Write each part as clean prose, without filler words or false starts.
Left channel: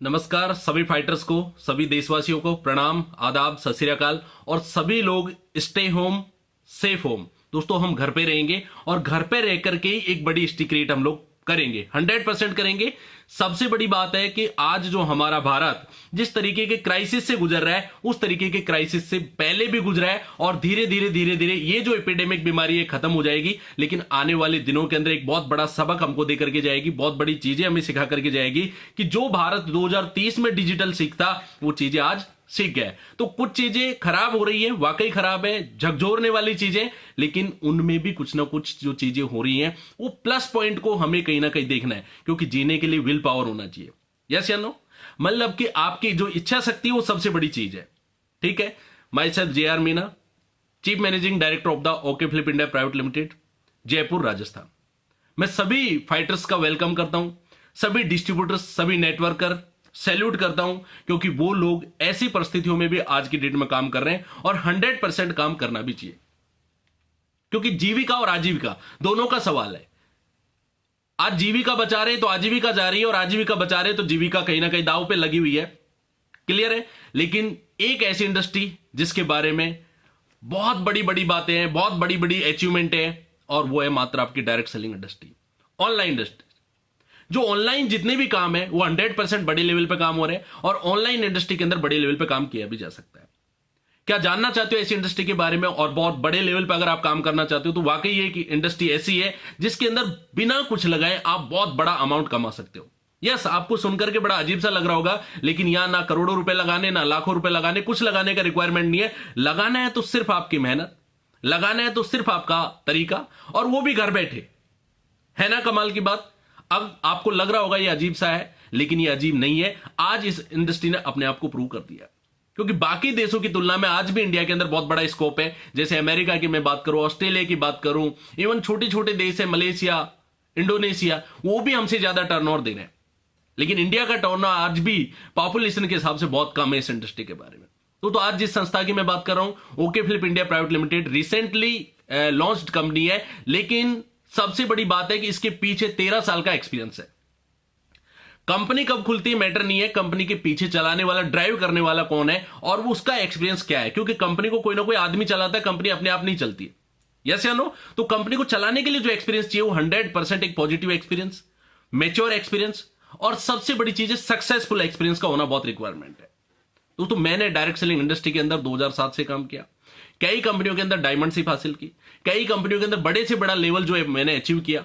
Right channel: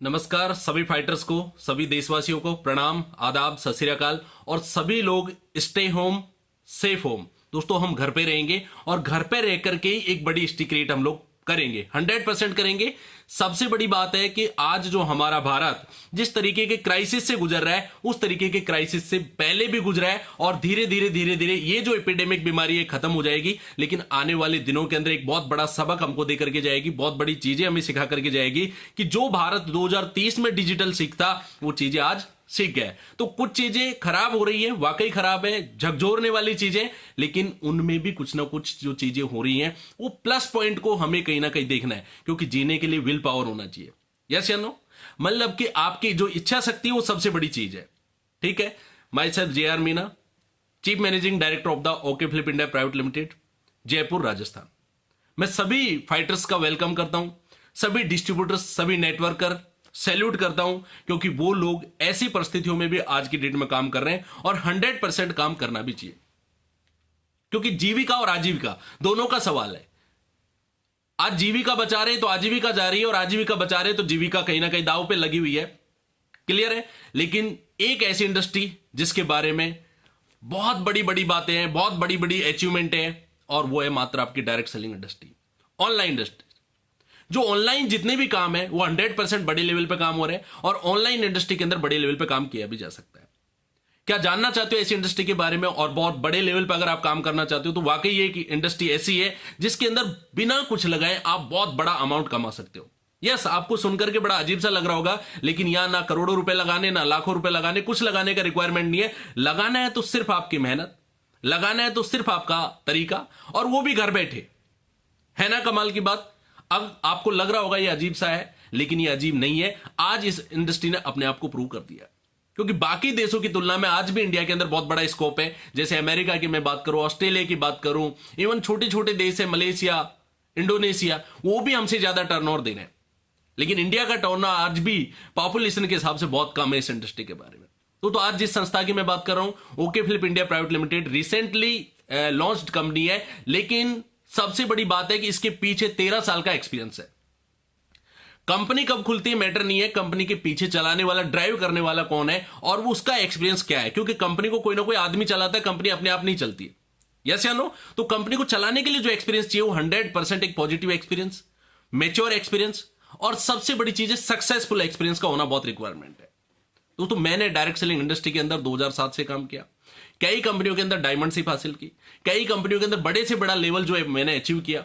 नमस्कार सभी फाइटर्स को, सभी देशवासियों को प्रणाम, आदाब, सत श्री अकाल। और सभी लोग स्टे होम, सेफ होम। दोस्तों हम घर पे रहेंगे और घर पे रह करके ही एक बड़ी हिस्ट्री क्रिएट हम लोग करेंगे, 100% करेंगे। सबसे बड़ी बात है कि आज जो हमारा भारत जिस तरीके के क्राइसिस से गुजर रहा है उस तरीके के क्राइसिस से पहले भी गुजरा है और धीरे धीरे ये जो एपिडेमिक बीमारी है खत्म हो जाएगी। लेकिन आने वाले दिनों के अंदर एक बहुत बड़ा सबक हमको दे करके जाएगी, बहुत बड़ी चीजें हमें सिखा करके जाएगी कि जो भारत 2030 में डिजिटल सीखता वो चीजें आज सीख गए। तो कुछ चीजें खराब हो रही है, वाकई खराब है, झकझोरने वाली चीजें, लेकिन उनमें भी कुछ ना कुछ जो चीजें हो रही हैं वो प्लस पॉइंट को हमें कहीं ना कहीं देखना है, क्योंकि जीने के लिए विल पावर होना चाहिए। यस या नो? मतलब कि आपकी जो इच्छा शक्ति है वो सबसे बड़ी चीज है। ठीक है। Myself JR Meena, chief managing director of the okay Philip India private limited, Jaipur, Rajasthan. मैं सभी फाइटर्स का वेलकम करता हूं, सभी डिस्ट्रीब्यूटर्स, सभी नेटवर्कर सैल्यूट करता हूं, क्योंकि वो लोग ऐसी परिस्थितियों में भी आज की डेट में काम कर रहे हैं और 100% काम करना भी चाहिए, क्योंकि जीविका और आजीविका दोनों का सवाल है। आज जीविका बचा रहे तो आजीविका जा रही है और आजीविका बचा रहे तो जीविका कहीं ना कहीं दांव पे लगी हुई है। क्लियर है? लेकिन एक ऐसी इंडस्ट्री जिसके बारे में बहुत बड़ी बड़ी बातें हैं, बहुत बड़ी बड़ी अचीवमेंट है, और वो है मात्र आपकी direct selling industry, online industry. जो ऑनलाइन जितने भी काम है वो 100% बड़े लेवल पे काम हो रहे हैं और ऑनलाइन इंडस्ट्री के अंदर बड़े लेवल पे काम किया भी जा सकता है। क्या जानना चाहते हो ऐसी इंडस्ट्री के बारे में और बहुत बड़े लेवल पे अगर आप काम करना चाहते हो तो वाकई ये कि इंडस्ट्री ऐसी है जिसके अंदर बिना कुछ लगाए आप बहुत बड़ा अमाउंट कमा सकते हो। यस, आपको सुनकर के बड़ा अजीब सा लग रहा होगा, लेकिन यहां ना करोड़ों रुपए लगाने, ना लाखों रुपए लगाने, कुछ लगाने का रिक्वायरमेंट नहीं है। लगाना है तो सिर्फ आपकी मेहनत, लगाना है तो सिर्फ आपका तरीका, और वो भी घर बैठे। है ना कमाल की बात? अब आपको लग रहा होगा ये अजीब सा है, लेकिन ये अजीब नहीं है। आज इस इंडस्ट्री ने अपने आप को प्रूव कर दिया, क्योंकि बाकी देशों की तुलना में आज भी इंडिया के अंदर बहुत बड़ा स्कोप है। जैसे अमेरिका की मैं बात करूं, ऑस्ट्रेलिया की बात करूं, इवन छोटे छोटे देश है मलेशिया, इंडोनेशिया, वो भी हमसे ज्यादा टर्नओवर दे रहे हैं। लेकिन इंडिया का टर्नओवर आज भी पॉपुलेशन के हिसाब से बहुत कम है इस इंडस्ट्री के बारे में। तो आज जिस संस्था की मैं बात कर रहा हूं, okay Philip India private limited, recently launched company है, लेकिन सबसे बड़ी बात है कि इसके पीछे 13 साल का एक्सपीरियंस है। कंपनी कब खुलती है मैटर नहीं है, कंपनी के पीछे चलाने वाला, ड्राइव करने वाला कौन है और वो उसका एक्सपीरियंस क्या है, क्योंकि कंपनी को कोई ना कोई आदमी चलाता है, कंपनी अपने आप नहीं चलती है। यस या नो? तो कंपनी को चलाने के लिए जो एक्सपीरियंस चाहिए वो 100% एक पॉजिटिव एक्सपीरियंस, मेच्योर एक्सपीरियंस, और सबसे बड़ी चीज है सक्सेसफुल एक्सपीरियंस का होना बहुत रिक्वायरमेंट है। तो मैंने डायरेक्ट सेलिंग इंडस्ट्री के अंदर 2007 से काम किया, कई कंपनियों के अंदर डायमंडशिप हासिल की, कई कंपनियों के अंदर बड़े से बड़ा लेवल जो है मैंने अचीव किया,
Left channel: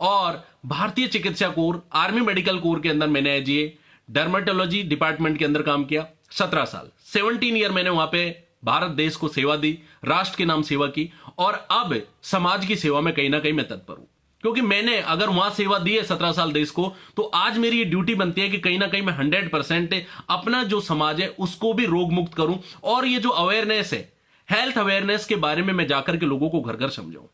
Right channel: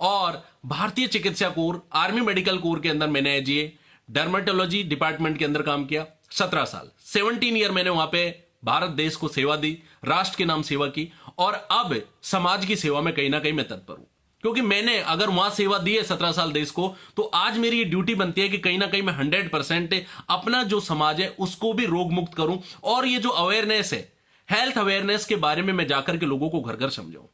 और भारतीय चिकित्सा कोर, आर्मी मेडिकल कोर के अंदर मैंने एजीए डर्मेटोलॉजी डिपार्टमेंट के अंदर काम किया 17 साल, 17 ईयर मैंने वहां पे भारत देश को सेवा दी, राष्ट्र के नाम सेवा की, और अब समाज की सेवा में कहीं ना कहीं मैं तत्पर हूं, क्योंकि मैंने अगर वहां सेवा दी है 17 साल देश को, तो आज मेरी ये ड्यूटी बनती है कि कहीं ना कहीं मैं 100% अपना जो समाज है उसको भी रोग मुक्त करूं, और ये जो अवेयरनेस है, हेल्थ अवेयरनेस के बारे में मैं जाकर के लोगों को घर घर समझाऊं।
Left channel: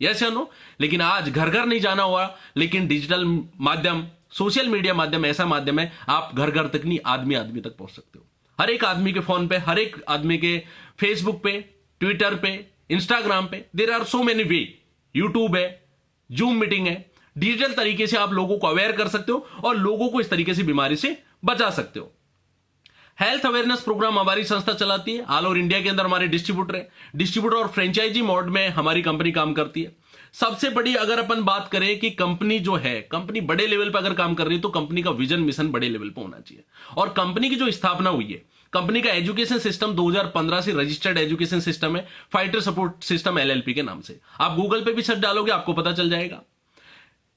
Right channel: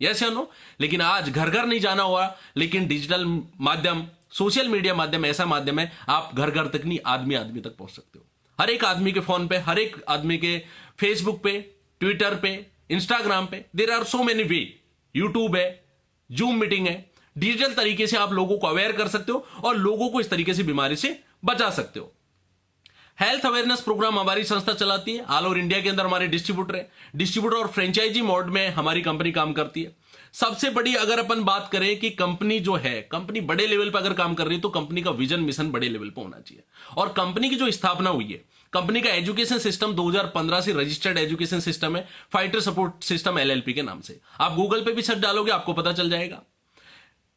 यस या नो? लेकिन आज घर घर नहीं जाना हुआ, लेकिन डिजिटल माध्यम, सोशल मीडिया माध्यम ऐसा माध्यम है, आप घर घर तक नहीं, आदमी आदमी तक पहुंच सकते हो। हर एक आदमी के फोन पे, हर एक आदमी के फेसबुक पे, ट्विटर पे, इंस्टाग्राम पे, there are so many way, YouTube है, जूम मीटिंग है, डिजिटल तरीके से आप लोगों को अवेयर कर सकते हो और लोगों को इस तरीके से बीमारी से बचा सकते हो। हेल्थ अवेयरनेस प्रोग्राम हमारी संस्था चलाती है, ऑल ओवर इंडिया के अंदर हमारे डिस्ट्रीब्यूटर है, डिस्ट्रीब्यूटर और फ्रेंचाइजी मोड में हमारी कंपनी काम करती है। सबसे बड़ी अगर अपन बात करें कि कंपनी जो है, कंपनी बड़े लेवल पर अगर काम कर रही है तो कंपनी का विजन मिशन बड़े लेवल पर होना चाहिए। और कंपनी की जो स्थापना हुई है, कंपनी का एजुकेशन सिस्टम 2015 से रजिस्टर्ड एजुकेशन सिस्टम है, फाइटर सपोर्ट सिस्टम LLP के नाम से। आप गूगल पे भी सर्च डालोगे आपको पता चल जाएगा।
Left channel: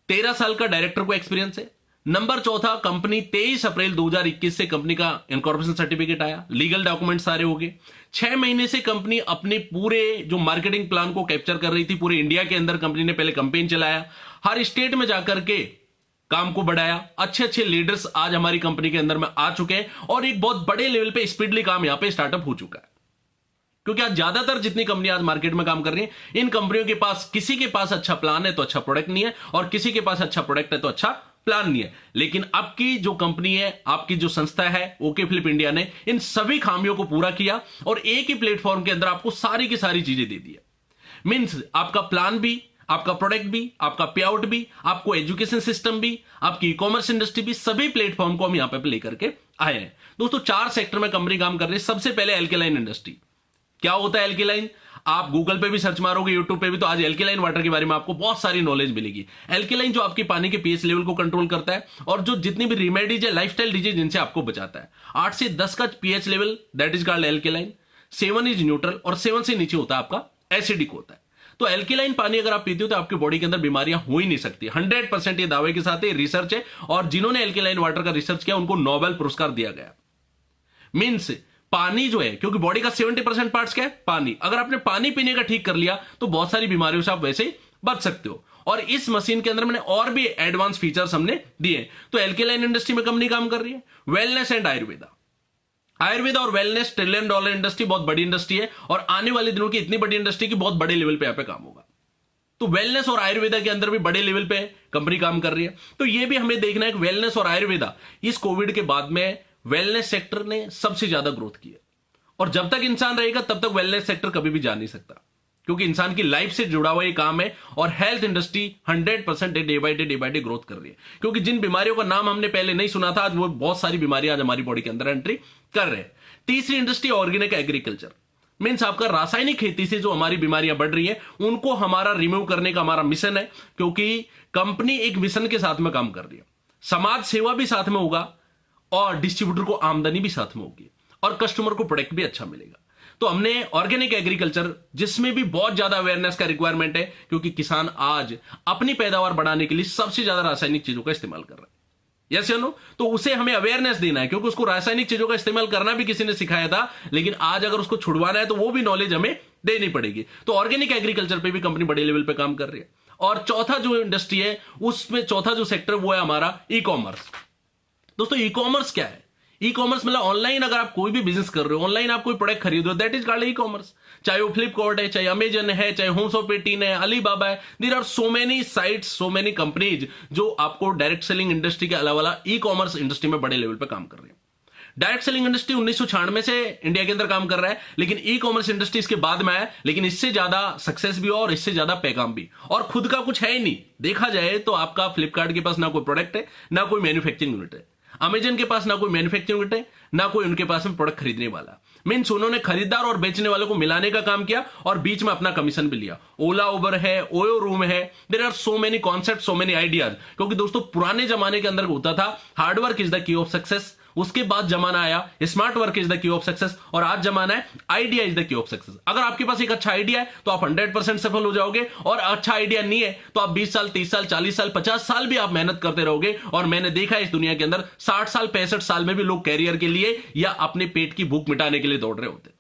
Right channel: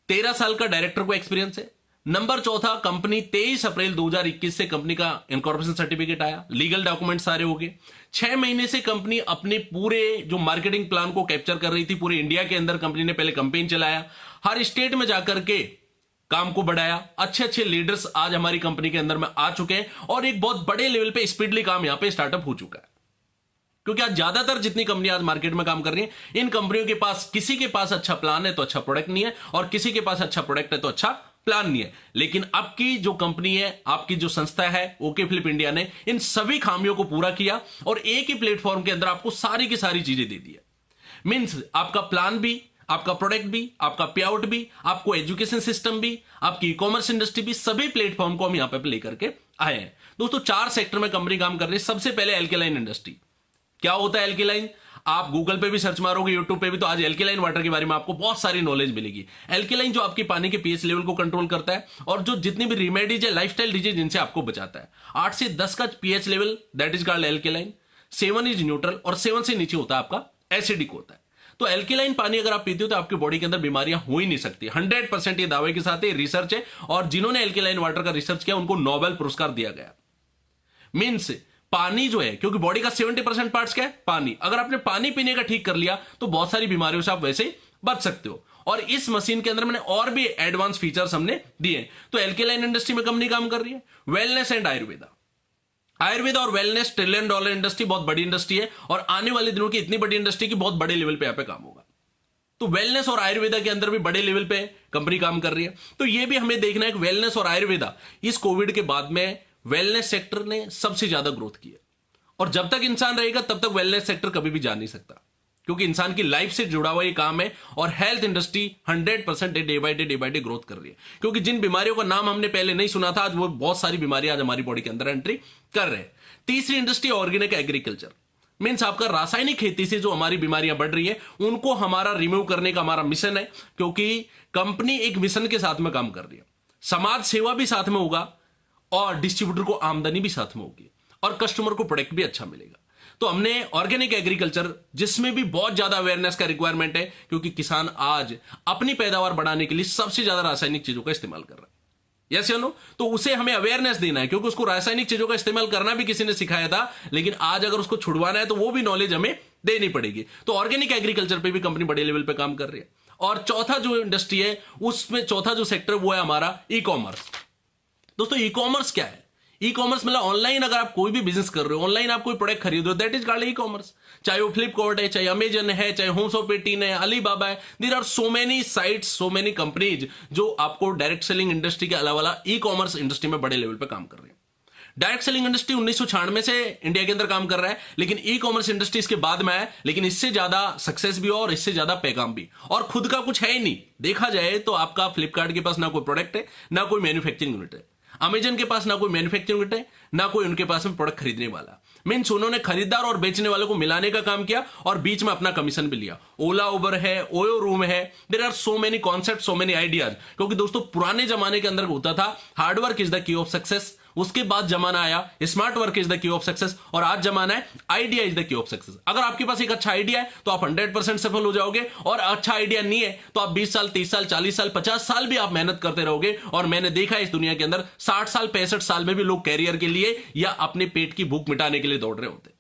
13 साल का डायरेक्टर को एक्सपीरियंस है। नंबर चौथा, कंपनी 23 अप्रैल 2021 से कंपनी का इनकॉर्पोरेशन सर्टिफिकेट आया, लीगल डॉक्यूमेंट सारे हो गए। 6 महीने से कंपनी अपने पूरे जो मार्केटिंग प्लान को कैप्चर कर रही थी, पूरे इंडिया के अंदर कंपनी ने पहले कैंपेन चलाया, हर स्टेट में जाकर के काम को बढ़ाया। अच्छे अच्छे लीडर्स आज हमारी कंपनी के अंदर में आ चुके हैं और एक बहुत बड़े लेवल पे स्पीडली काम यहां पे स्टार्टअप हो चुका है, क्योंकि आज ज्यादातर जितनी कंपनियां आज मार्केट में काम कर रही हैं, इन कंपनियों के पास, किसी के पास अच्छा प्लान है तो अच्छा प्रोडक्ट नहीं है, और किसी के पास अच्छा प्रोडक्ट है तो अच्छा प्लान नहीं है। लेकिन आपकी जो कंपनी है, आपकी जो संस्था है ओके फिलिप इंडिया ने इन सभी खामियों को पूरा किया और एक ही प्लेटफॉर्म के अंदर आपको सारी की सारी चीजें दे दी है। मींस आपका प्लान भी, आपका प्रोडक्ट भी, आपका पे आउट भी, आपको एजुकेशन सिस्टम भी, आपकी ई कॉमर्स इंडस्ट्री भी, सभी प्लेटफॉर्म को हम यहां पे लेकर के आए हैं। दोस्तों 4 सेक्टर में कंपनी काम कर रही है। सबसे पहले एल्केलाइन इंडस्ट्री। क्या होता है एल्केलाइन? आप गूगल पे भी सर्च मारोगे, यूट्यूब पे भी, तो आज एल्केलाइन वाटर के बारे में आपको बहुत सारी नॉलेज मिलेगी। एल्केलाइन जो आपकी पानी के पीएच लेवल को कंट्रोल करता है और जो जितनी भी रेमेडीज है, लाइफस्टाइल डिजीज, जिनसे आपको बचाता है। 8 से 10 का pH level, that is called alkaline. 7 is neutral और 7 से नीचे होता है आपका एसिडिक होता है। तो एल्केलाइन पानी अगर आप पीते हो तो आपकी बॉडी के अंदर बीमारियां हो ही नहीं सकती। 100% ये दावे के साथ रिसर्च है, और जिन्होंने एल्केलाइन वाटर का रिसर्च किया उनको नोबेल पुरस्कार दिया गया। मीन्स पानी जो है, क्योंकि बॉडी का 70% पार्ट्स क्या है? पानी। अगर आपने पानी पीने का ठीक कर लिया तो बहुत सारी बीमारियों से आप वैसे बच सकते हो। और इस मशीन के अंदर मैंने और भी एडवांस फीचर्स हमने दिए। तो एल्केलाइन इंडस्ट्री में कंपनी काम कर रही है। Wellness and Ayurveda. आयुर्वेदा और वेलनेस $1 ट्रिलियन इंडस्ट्री, बहुत बड़ी इंडस्ट्री है, और आने वाले दिनों की इतनी बड़ी इंडस्ट्री की बहुत बड़े लेवल पे यहां पे काम होगा। तो वेलनेस और आयुर्वेदा के अंदर भी बड़े लेवल पे कंपनी काम कर रही है। तो ये भी हमें देखना है कि वेलनेस और आयुर्वेदा, इस कोविड के बाद में वेलनेस सेक्टर ने सबसे ज्यादा ग्रोथ की है। और जब तक इंसान रहेगा तब तक वेलनेस सेक्टर कभी भी जा नहीं सकता, क्योंकि इंसान की लाइफ से जुड़ा हुआ ये काम है। और health industry 100% day by day growth कर रही है, क्योंकि जिन बीमारियों का नाम हमने पहले नहीं सुना था, आज वो बहुत सारी बीमारियां आज हमारी बॉडी के अंदर एंट्री कर रहे हैं। तीसरी इंडस्ट्री ऑर्गेनिक एग्रीकल्चर। मीन्स आपका रासायनिक खेती से जो हमारी बीमारियां बढ़ रही है उनको हमारा रिमूव करने का हमारा मिशन है, क्योंकि कंपनी एक मिशन के साथ में काम कर रही है। समाज सेवा भी साथ में होगा, और डिस्ट्रीब्यूटर को आमदनी भी साथ में होगी, और कस्टमर को प्रोडक्ट भी अच्छा मिलेगा। तो हमने ऑर्गेनिक एग्रीकल्चर, जिसमें भी बहुत ज्यादा अवेयरनेस का रिक्वायरमेंट है, क्योंकि किसान आज अपनी पैदावार बढ़ाने के लिए सबसे ज्यादा रासायनिक चीजों का इस्तेमाल कर रहा है। यस या नो? तो उसे हमें अवेयरनेस देना है, क्योंकि उसको रासायनिक चीजों का इस्तेमाल करना भी किसी ने सिखाया था, लेकिन आज अगर उसको छुड़वाना है तो वो भी नॉलेज हमें देनी पड़ेगी। तो ऑर्गेनिक एग्रीकल्चर पे भी कंपनी बड़े लेवल पे काम कर रही है। और चौथा जो इंडस्ट्री है, उसमें चौथा जो सेक्टर वो है हमारा ई कॉमर्स। दोस्तों ई कॉमर्स क्या है? ई कॉमर्स मतलब ऑनलाइन अगर आप कोई भी बिजनेस कर रहे हो, ऑनलाइन आप कोई प्रोडक्ट खरीद रहे हो, that is called e commerce. चाहे वो फ्लिपकार्ट है, चाहे अमेजन है, चाहे होमशॉप18 है, अलीबाबा है, there are so many sites, so many companies जो आपको डायरेक्ट सेलिंग इंडस्ट्री के अलावा ई कॉमर्स इंडस्ट्री में बड़े लेवल पे काम कर रही है। डायरेक्ट सेलिंग इंडस्ट्री 1996 से इंडिया के अंदर काम कर रहा है, लेकिन ई कॉमर्स इंडस्ट्री इसके बाद में आया, लेकिन इससे ज्यादा सक्सेस भी और इससे ज्यादा पैगाम भी, और खुद का कुछ है ही नहीं। देखा जाए तो आपका फ्लिपकार्ट के पास ना कोई प्रोडक्ट है, ना कोई मैन्युफैक्चरिंग यूनिट है। अमेजन के पास ना कोई मैन्युफैक्चरिंग यूनिट है, ना कोई उनके पास में प्रोडक्ट खरीदने वाला। मीन्स उन्होंने खरीदार और बेचने वालों को मिलाने का काम किया, और बीच में अपना कमीशन भी लिया। ओला उबर है, ओयो रूम है, there are so many concept, so many ideas. क्योंकि दोस्तों पुराने जमाने के अंदर होता था hard work is the key of success, उसके बाद जमाना आया smart work is the key of success, और आज जमाना है idea is the key of success. अगर आपके पास एक अच्छा आइडिया है तो आप 100% सफल हो जाओगे, और अच्छा आइडिया नहीं है तो आप 20 साल, 30 साल, 40 साल, 50 साल भी आप मेहनत करते रहोगे। और मैंने देखा है इस दुनिया के अंदर 60 साल, 65 साल में भी लोग कैरियर के लिए या अपने पेट की भूख मिटाने के लिए दौड़ रहे होते।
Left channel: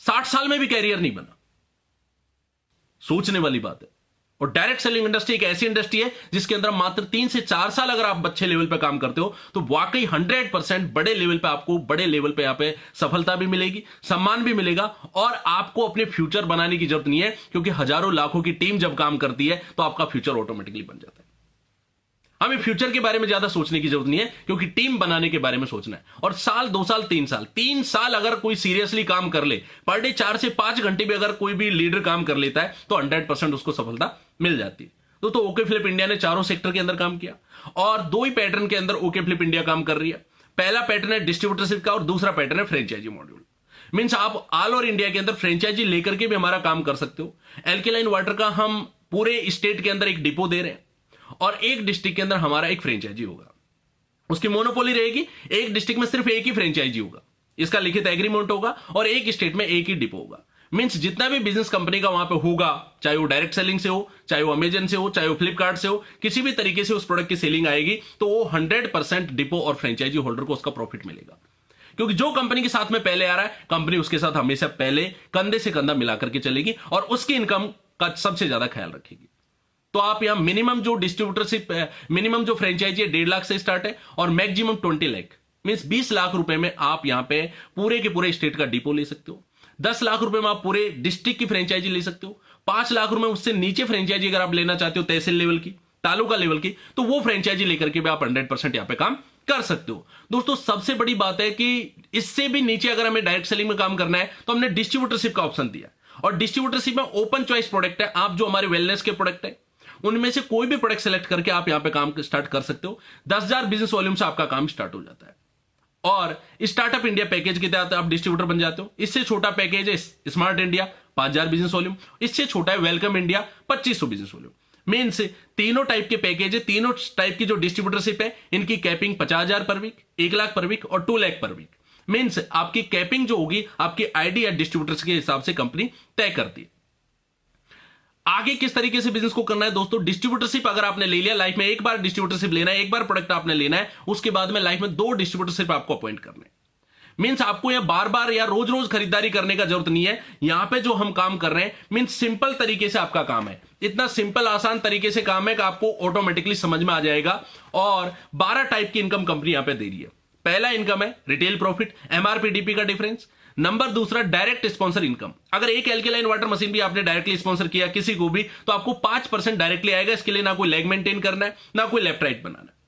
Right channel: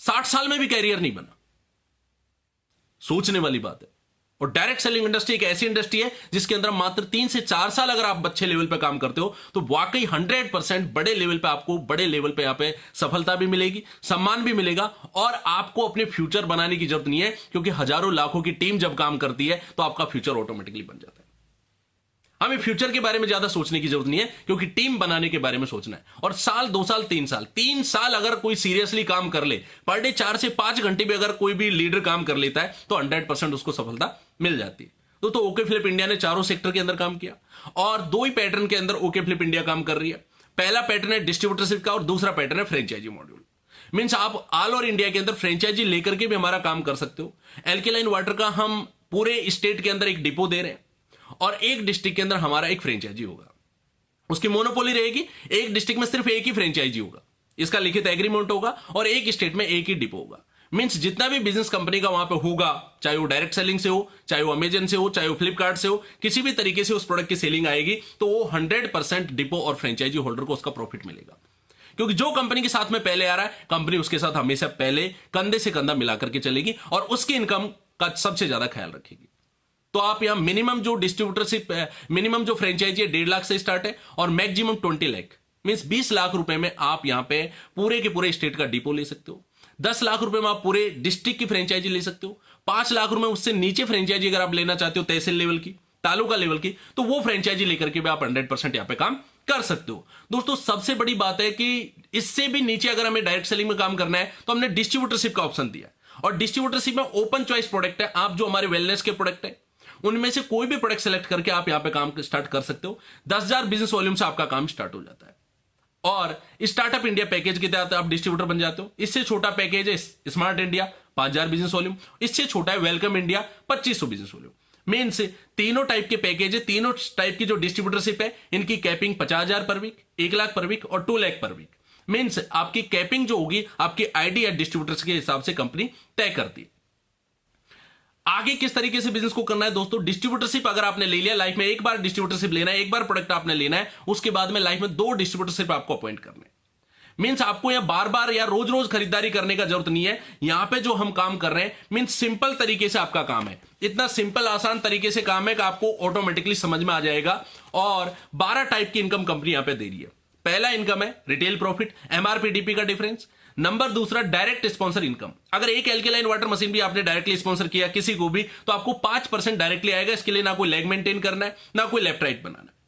60 साल में भी कैरियर नहीं बना, सोचने वाली बात है। और डायरेक्ट सेलिंग इंडस्ट्री एक ऐसी इंडस्ट्री है जिसके अंदर मात्र 3 से 4 साल अगर आप अच्छे लेवल पे काम करते हो तो वाकई 100% बड़े लेवल पे आपको बड़े लेवल पे यहां पे सफलता भी मिलेगी, सम्मान भी मिलेगा, और आपको अपने फ्यूचर बनाने की जरूरत नहीं है, क्योंकि हजारों लाखों की टीम जब काम करती है तो आपका फ्यूचर ऑटोमेटिकली बन जाता है। हमें फ्यूचर के बारे में ज्यादा सोचने की जरूरत नहीं है, क्योंकि टीम बनाने के बारे में सोचना है। और साल, 2 साल, 3 साल अगर कोई सीरियसली काम कर ले, पर डे 4 से 5 घंटे भी अगर कोई भी लीडर काम कर लेता है तो 100% उसको सफलता मिल जाती है। तो ओके फ्लिप इंडिया ने चारों सेक्टर के अंदर काम किया, और 2 ही पैटर्न के अंदर ओके फ्लिप इंडिया काम कर रही है। पहला पैटर्न है डिस्ट्रीब्यूटरशिप का, और दूसरा पैटर्न है फ्रेंचाइजी मॉड्यूल। मीन्स आप ऑल ओवर इंडिया के अंदर फ्रेंचाइजी लेकर के भी हमारा काम कर सकते हो। एल्केलाइन वाटर का हम पूरे स्टेट के अंदर एक डिपो दे रहे हैं, और एक डिस्ट्रिक्ट के अंदर हमारा एक फ्रेंचाइजी होगा, उसकी मोनोपोली रहेगी। एक डिस्ट्रिक्ट में सिर्फ एक ही फ्रेंचाइजी होगा, इसका लिखित एग्रीमेंट होगा, और एक स्टेट में एक ही डिपो होगा। मींस जितना भी बिजनेस कंपनी का वहां पे होगा, चाहे वो डायरेक्ट सेलिंग से हो, चाहे वो अमेजन से हो, चाहे वो फ्लिपकार्ट से हो, किसी भी तरीके से उस प्रोडक्ट की सेलिंग आएगी तो वो 100% डिपो और फ्रेंचाइजी होल्डर को उसका प्रॉफिट मिलेगा। क्योंकि जो कंपनी के साथ में पहले आ रहा है, कंपनी उसके साथ हमेशा पहले कंधे से कंधा मिलाकर के चलेगी, और उसकी इनकम का सबसे ज्यादा ख्याल रखेगी। तो आप यहां मिनिमम जो डिस्ट्रीब्यूटरशिप, मिनिमम जो फ्रेंचाइजी है 1.5 लाख से स्टार्ट है, और मैक्सिमम 20 लाख, मींस 20 लाख रुपए में आप यहां पे पूरे के पूरे स्टेट का डिपो ले सकते हो। 10 लाख रुपए में आप पूरे डिस्ट्रिक्ट की फ्रेंचाइजी ले सकते हो। 5 लाख रुपए उससे नीचे फ्रेंचाइजी अगर आप लेना चाहते हो, तहसील लेवल की, तालुका लेवल की, तो वो फ्रेंचाइजी लेकर के भी आप 100% यहां पे काम कर सकते हो। दोस्तों सबसे बड़ी बात है कि इससे भी नीचे अगर हमें डायरेक्ट सेलिंग में काम करना है तो हमने डिस्ट्रीब्यूटरशिप का ऑप्शन दिया। और डिस्ट्रीब्यूटरशिप में ओपन चॉइस प्रोडक्ट है। आप जो हमारे वेलनेस के प्रोडक्ट है उनमें से कोई भी प्रोडक्ट सेलेक्ट करके आप यहां पे काम स्टार्ट कर सकते हो। 10,000 बिजनेस वॉल्यूम से आपका काम स्टार्ट हो जाता है और स्टार्टअप इंडिया पैकेज के तहत आप डिस्ट्रीब्यूटर बन जाते हो। इससे छोटा पैकेज है स्मार्ट इंडिया 5,000 बिजनेस वॉल्यूम, इससे छोटा है welcome India 2,500 business volume. Means तीनों टाइप के पैकेज है, तीनों टाइप की जो डिस्ट्रीब्यूटरशिप है इनकी कैपिंग 50,000 पर वीक, 1 लाख पर वीक और 2 लाख पर वीक। मीन्स आपकी कैपिंग जो होगी आपकी आईडी या डिस्ट्रीब्यूटर्स के हिसाब से कंपनी तय करती है। आगे किस तरीके से बिजनेस को करना है दोस्तों, डिस्ट्रीब्यूटरशिप अगर आपने ले लिया, लाइफ में एक बार डिस्ट्रीब्यूटरशिप लेना है, एक बार प्रोडक्ट आपने लेना है, उसके बाद में लाइफ में 2 डिस्ट्रीब्यूटरशिप आपको अपॉइंट करने हैं। मीन्स आपको यह बार बार या रोज रोज खरीदारी करने का जरूरत नहीं है। यहां पे जो हम काम कर रहे हैं मीन्स सिंपल तरीके से आपका काम है, इतना सिंपल आसान तरीके से काम है कि आपको ऑटोमेटिकली समझ में आ जाएगा। और 12 टाइप की इनकम कंपनी यहां पे दे रही है। पहला इनकम है रिटेल प्रॉफिट, एमआरपी डीपी का डिफरेंस। नंबर दूसरा डायरेक्ट स्पॉन्सर इनकम। अगर एक एल्केलाइन वाटर मशीन भी आपने डायरेक्टली स्पॉन्सर किया किसी को भी तो आपको 5% डायरेक्टली आएगा। इसके लिए ना कोई लेग मेंटेन करना है ना कोई लेफ्ट राइट बनाना है।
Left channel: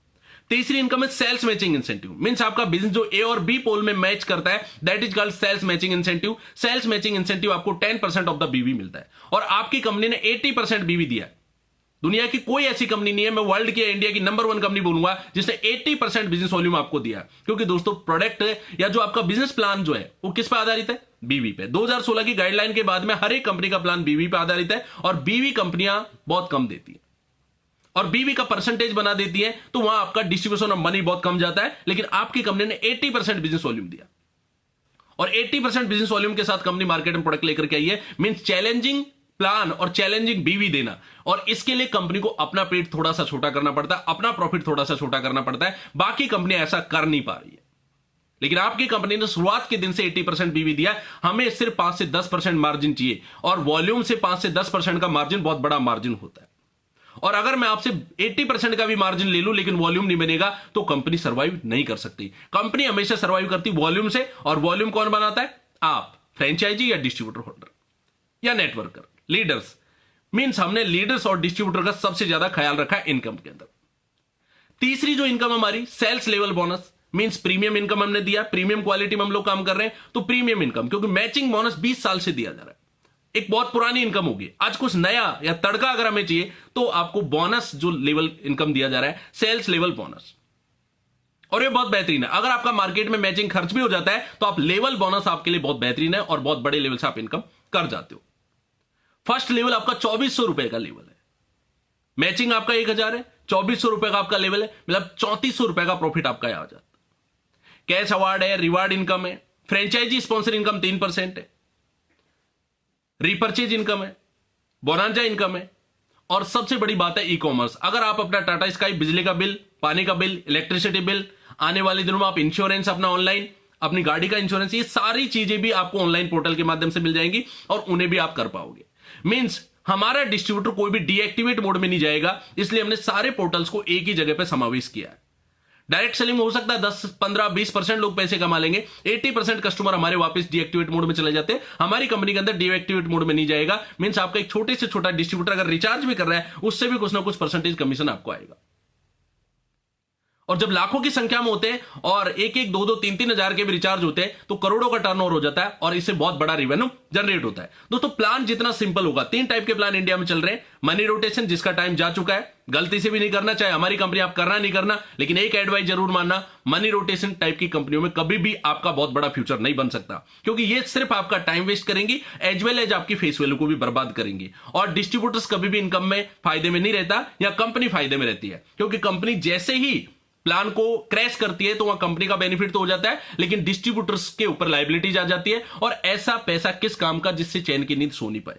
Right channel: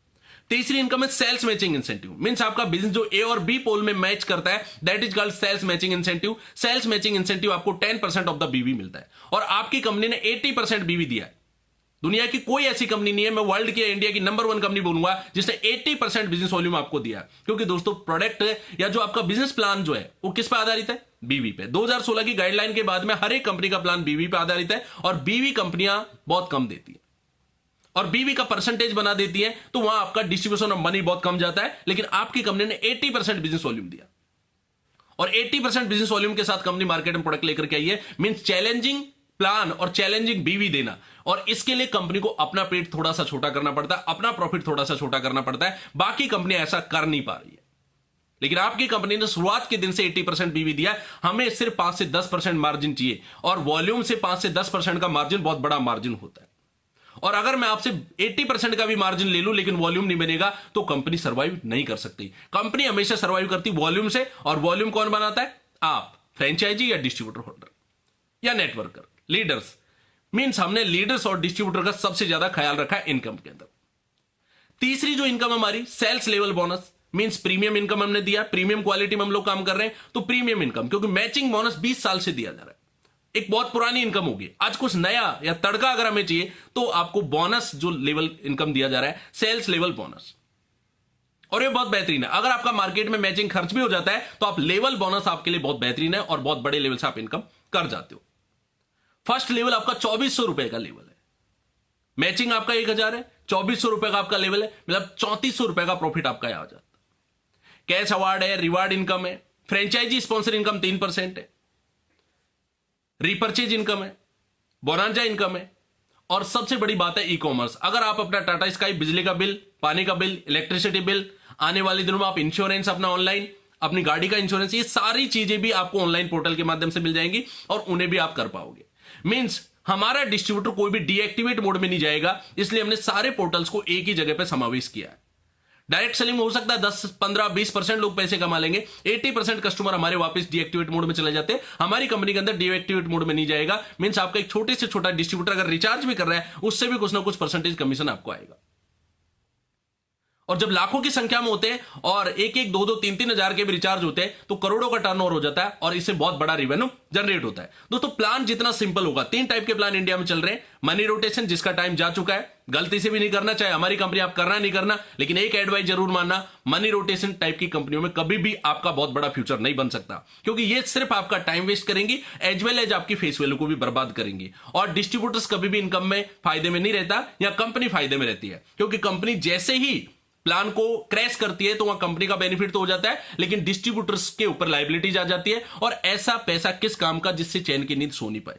तीसरी इनकम है सेल्स मैचिंग इंसेंटिव। मींस आपका बिजनेस जो ए और बी पोल में मैच करता है that is called sales matching incentive. सेल्स मैचिंग इंसेंटिव आपको 10% ऑफ द बीवी मिलता है और आपकी कंपनी ने 80% बीवी दिया है। दुनिया की कोई ऐसी कंपनी नहीं है, मैं वर्ल्ड की इंडिया की नंबर 1 कंपनी बोलूंगा जिसने 80% बिजनेस वॉल्यूम आपको दिया। क्योंकि दोस्तों प्रोडक्ट या जो आपका बिजनेस प्लान जो है वो किस पे आधारित है, बीवी पे। 2016 की गाइडलाइन के बाद में हर एक कंपनी का प्लान बीवी पे आधारित है और बीवी कंपनियां बहुत कम देती है और बीवी का परसेंटेज बना देती है, तो वहां आपका डिस्ट्रीब्यूशन ऑफ मनी बहुत कम जाता है। लेकिन आपकी कंपनी ने 80% बिजनेस वॉल्यूम दिया और 80% बिजनेस वॉल्यूम के साथ कंपनी मार्केट में प्रोडक्ट लेकर के आई है। मींस चैलेंजिंग प्लान और चैलेंजिंग बीवी देना, और इसके लिए कंपनी को अपना पेट थोड़ा सा छोटा करना पड़ता है, अपना प्रॉफिट थोड़ा सा छोटा करना पड़ता है। बाकी कंपनी ऐसा कर नहीं पा रही है, लेकिन आपकी कंपनी ने शुरुआत के दिन से 80% बीवी दिया। हमें सिर्फ 5 से 10% मार्जिन चाहिए और वॉल्यूम से 5 से 10% का मार्जिन बहुत बड़ा मार्जिन होता है। और अगर मैं आपसे 80% का भी मार्जिन ले लूं लेकिन वॉल्यूम नहीं बनेगा तो कंपनी सर्वाइव नहीं कर सकती। कंपनी हमेशा सर्वाइव करती वॉल्यूम से, और वॉल्यूम कौन बनाता है, आप, फ्रेंचाइजी या डिस्ट्रीब्यूटर होल्डर या नेटवर्कर, लीडर्स। मींस हमने लीडर्स और डिस्ट्रीब्यूटर का सबसे ज्यादा ख्याल रखा है इनकम के अंदर। तीसरी जो इनकम हमारी sales level bonus, means premium income हमने दिया। प्रीमियम क्वालिटी में हम लोग काम कर रहे हैं तो प्रीमियम इनकम, क्योंकि मैचिंग बोनस 20 साल से दिया जा रहा है, एक बहुत पुरानी इनकम होगी। आज कुछ नया या तड़का अगर हमें चाहिए तो आपको बोनस जो लेवल इनकम दिया जा रहा है सेल्स लेवल बोनस, और ये बहुत बेहतरीन है। अगर आपका मार्केट में मैचिंग खर्च भी हो जाता है तो आप लेवल बोनस आपके लिए बहुत बेहतरीन है और बहुत बड़े लेवल से आप इनकम कर जाते हो। फर्स्ट लेवल आपका 2400 रुपए का लेवल है, मैचिंग आपका 1000 है, 2400 रुपए का आपका लेवल है, मतलब 3400 रुपए का प्रॉफिट आपका आ जाता है। कैश अवार्ड है, रिवार्ड इनकम है, फ्रेंचाइजी स्पॉन्सर इनकम 3% है, रीपर्चेज इनकम है, बोनांजा इनकम है, और सबसे बड़ी बात है ई कॉमर्स। अगर आप अपना टाटा स्काई बिजली का बिल, पानी का बिल, इलेक्ट्रिसिटी बिल, आने वाले दिनों में आप इंश्योरेंस अपना ऑनलाइन, अपनी गाड़ी का इंश्योरेंस, ये सारी चीजें भी आपको ऑनलाइन पोर्टल के माध्यम से मिल जाएंगी और उन्हें भी आप कर पाओगे। मींस हमारा डिस्ट्रीब्यूटर कोई भी डीएक्टिवेट मोड में नहीं जाएगा, इसलिए हमने सारे पोर्टल्स को एक ही जगह पर समावेश किया है। डायरेक्ट सेलिंग हो सकता है 10, 15, 20% लोग पैसे कमा लेंगे, 80% कस्टमर हमारे वापस डीएक्टिवेट मोड में चले जाते हैं। हमारी कंपनी के अंदर डीएक्टिवेट मोड में नहीं जाएगा। मींस आपका एक छोटे से छोटा डिस्ट्रीब्यूटर अगर रिचार्ज भी कर रहा है उससे भी कुछ ना कुछ परसेंटेज कमीशन आपको आएगा। और जब लाखों की संख्या में होते हैं और 1-1, 2-2, 3-3 हजार के भी रिचार्ज होते हैं तो करोड़ों का टर्नओवर हो जाता है और इससे बहुत बड़ा रेवेन्यू जनरेट होता है। दोस्तों प्लान जितना सिंपल होगा, 3 टाइप के प्लान इंडिया में चल रहे हैं। मनी रोटेशन जिसका टाइम जा चुका है, गलती से भी नहीं करना, चाहे हमारी कंपनी आप करना नहीं करना, लेकिन एक एडवाइस जरूर मानना, मनी रोटेशन टाइप की कंपनियों में कभी भी आपका बहुत बड़ा फ्यूचर नहीं बन सकता, क्योंकि ये सिर्फ आपका टाइम वेस्ट करेंगी एज वेल एज आपकी फेस वैल्यू को भी बर्बाद करेंगी। और डिस्ट्रीब्यूटर्स कभी भी इनकम में फायदे में नहीं रहता या कंपनी फायदे में रहती है, क्योंकि कंपनी जैसे ही प्लान को क्रैश करती है तो वहां कंपनी का बेनिफिट तो हो जाता है, लेकिन डिस्ट्रीब्यूटर्स के ऊपर लायबिलिटीज आ जाती है। और ऐसा पैसा किस काम का जिससे चैन की नींद सो नहीं पाए।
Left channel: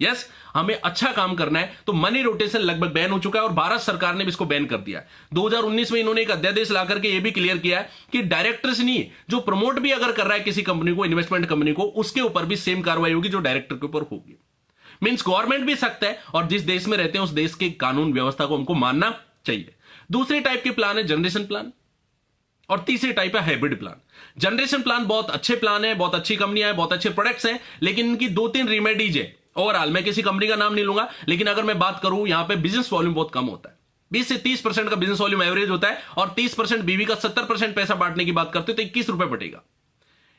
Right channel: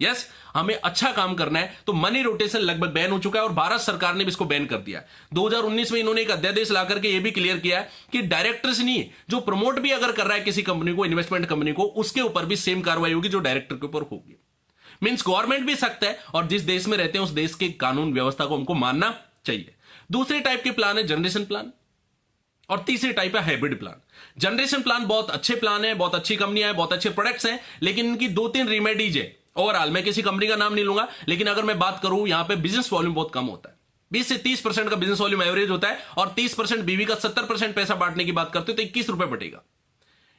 यस, हमें अच्छा काम करना है तो मनी रोटेशन लगभग बैन हो चुका है और भारत सरकार ने भी इसको बैन कर दिया है। 2019 में इन्होंने एक अध्यादेश ला करके यह भी क्लियर किया है कि डायरेक्टर्स नहीं, जो प्रमोट भी अगर कर रहा है किसी कंपनी को, इन्वेस्टमेंट कंपनी को, उसके ऊपर भी सेम कार्रवाई होगी जो डायरेक्टर के ऊपर होगी। मींस गवर्नमेंट भी सख्त है और जिस देश में रहते हैं उस देश के कानून व्यवस्था को हमको मानना चाहिए। दूसरे टाइप के प्लान है जनरेशन प्लान और तीसरे टाइप है हाइब्रिड प्लान। जनरेशन प्लान बहुत अच्छे प्लान है, बहुत अच्छी कंपनियां हैं, बहुत अच्छे प्रोडक्ट्स हैं, लेकिन इनकी 2-3 रेमेडीज है। ओवरऑल मैं किसी कंपनी का नाम नहीं लूंगा, लेकिन अगर मैं बात करूं यहां पे बिजनेस वॉल्यूम बहुत कम होता है, 20 से 30% का बिजनेस वॉल्यूम एवरेज होता है और 30% बीवी का 70% पैसा बांटने की बात करते हो तो 21 रुपए बटेगा।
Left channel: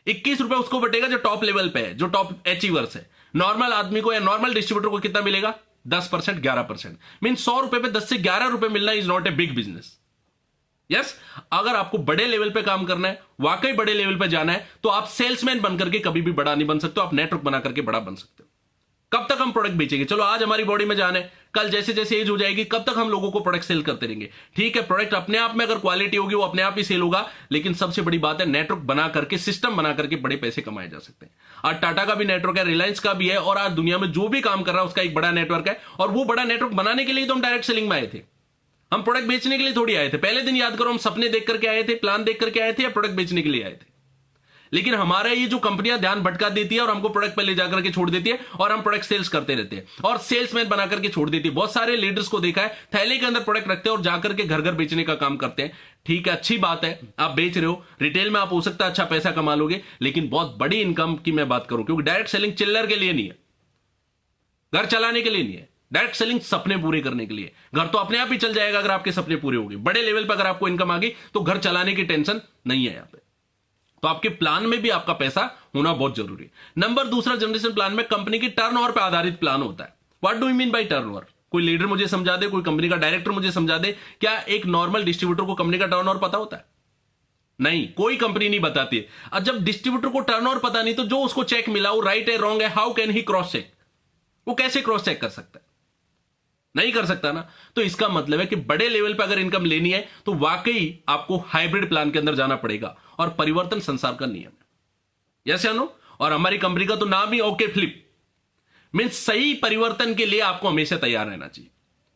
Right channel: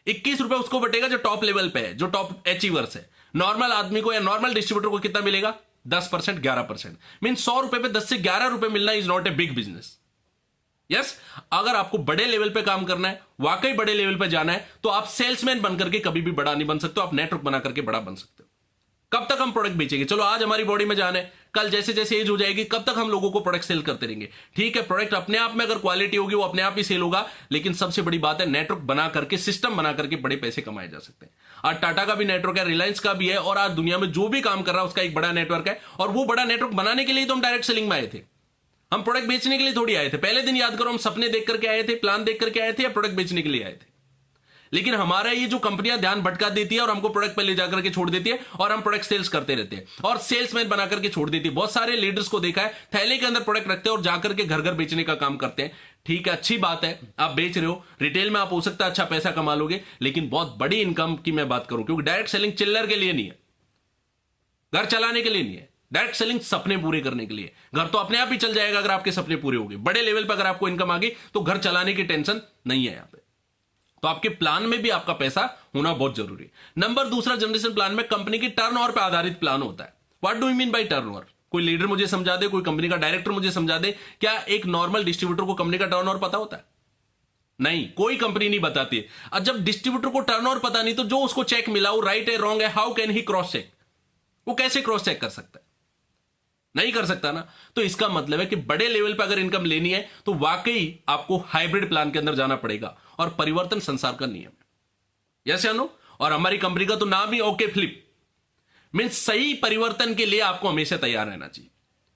21 रुपए उसको बटेगा जो टॉप लेवल पे है, जो टॉप अचीवर्स है। नॉर्मल आदमी को या नॉर्मल डिस्ट्रीब्यूटर को कितना मिलेगा? 10%, 11%। मीन 100 रुपए पे 10 से 11 रुपए मिलना is not a big business. Yes, अगर आपको बड़े लेवल पे काम करना है, वाकई बड़े लेवल पे जाना है, तो आप सेल्समैन बनकर के कभी भी बड़ा नहीं बन सकते, आप नेटवर्क बना करके बड़ा बन सकते हो। कब तक हम प्रोडक्ट बेचेंगे? चलो आज हमारी बॉडी में जान है, कल जैसे जैसे एज हो जाएगी, कब तक हम लोगों को प्रोडक्ट सेल करते रहेंगे? ठीक है, प्रोडक्ट अपने आप में अगर क्वालिटी होगी वो अपने आप ही सेल होगा, लेकिन सबसे बड़ी बात है नेटवर्क बना करके, सिस्टम बना करके बड़े पैसे कमाए जा सकते हैं। आज टाटा का भी नेटवर्क है, रिलायंस का भी है, और आज दुनिया में जो भी काम कर रहा है उसका एक बड़ा नेटवर्क है। और वो बड़ा नेटवर्क बनाने के लिए तो हम डायरेक्ट सेलिंग में आए थे, हम प्रोडक्ट बेचने के लिए थोड़ी आए थे। पहले दिन याद करो, हम सपने देख करके आए थे, प्लान देख करके आए थे, या प्रोडक्ट बेचने के लिए आए थे? लेकिन हमारा ये जो कंपनियां ध्यान भटका देती है और हमको प्रोडक्ट पे ले जाकर के छोड़ देती है, और हम प्रोडक्ट सेल्स करते रहते हैं और सेल्समैन बना करके छोड़ देती है। बहुत सारे लीडर्स को देखा है, थैले के अंदर प्रोडक्ट रखते हैं और जाकर के घर घर बेचने का काम करते हैं। ठीक है, अच्छी बात है, आप बेच रहे हो, रिटेल में आप हो सकता है अच्छा पैसा कमा लोगे, लेकिन बहुत बड़ी इनकम की मैं बात करूं, क्योंकि डायरेक्ट सेलिंग चिल्लर के लिए नहीं है, घर चलाने के लिए नहीं है। डायरेक्ट सेलिंग सपने पूरे करने के लिए। घर तो अपने आप ही चल जाएगा अगर आपके सपने पूरे हो गए। बड़े लेवल पर अगर आपको इनकम आ गई तो घर चलाने की टेंशन नहीं है यहां पे। तो आपके प्लान में भी आपका पैसा होना बहुत जरूरी है। नंबर दूसरा, जनरेशन प्लान में कंपनी की टर्नओवर पर आधारित प्लान होता है। What do you mean by turnover? कोई लीडर मुझे समझा दे, कोई कंपनी का डायरेक्टर मुझे समझा दे, क्या एक नॉर्मल डिस्ट्रीब्यूटर को कंपनी का टर्नओवर पता होता है? नहीं, कोई कंपनी नहीं बताती है। और जब डिस्ट्रीब्यूटर को टर्नओवर पता नहीं, तो जो उसको चेक मिला वो राइट है रॉन्ग है, how can he cross check? वो कैसे क्रॉस चेक कर सकता है? नहीं कर सकता ना। तो इसका मतलब है कि बड़े लेवल पर अगर इनकम लेनी है तो वाकई आपको हाइब्रिड प्लान के अंदर जाना पड़ेगा, और परिवर्तन संसार का नियम है। यस या नो? और हमारी कंपनी का तो नाम ही ओके फ्लिप, मींस सही परिवर्तन के लिए आपको हमेशा तैयार रहना चाहिए।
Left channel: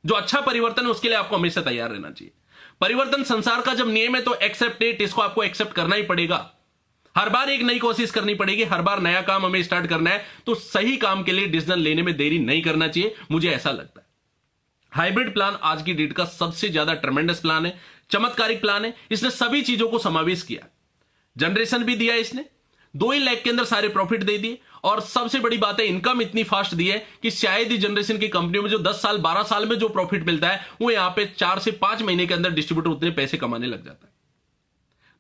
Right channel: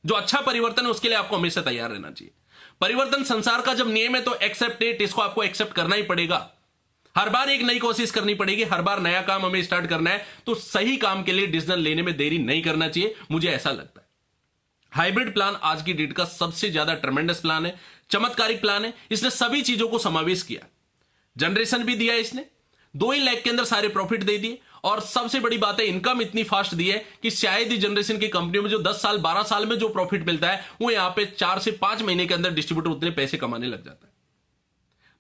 जो अच्छा परिवर्तन है उसके लिए आपको हमेशा तैयार रहना चाहिए। परिवर्तन संसार का जब नियम है तो एक्सेप्ट इट, इसको आपको एक्सेप्ट करना ही पड़ेगा। हर बार एक नई कोशिश करनी पड़ेगी, हर बार नया काम हमें स्टार्ट करना है, तो सही काम के लिए डिसीजन लेने में देरी नहीं करना चाहिए, मुझे ऐसा लगता है। हाइब्रिड प्लान आज की डेट का सबसे ज्यादा ट्रेमेंडस प्लान है, चमत्कारिक प्लान है। इसने सभी चीजों को समावेश किया, जनरेशन भी दिया इसने, 2 ही लाख के अंदर सारे प्रॉफिट दे दिए, और सबसे बड़ी बात है इनकम इतनी फास्ट दी है कि शायद ही जनरेशन की कंपनियों में जो 10 साल 12 साल में जो प्रॉफिट मिलता है वो यहां पे 4 से 5 महीने के अंदर डिस्ट्रीब्यूटर उतने पैसे कमाने लग जाता है।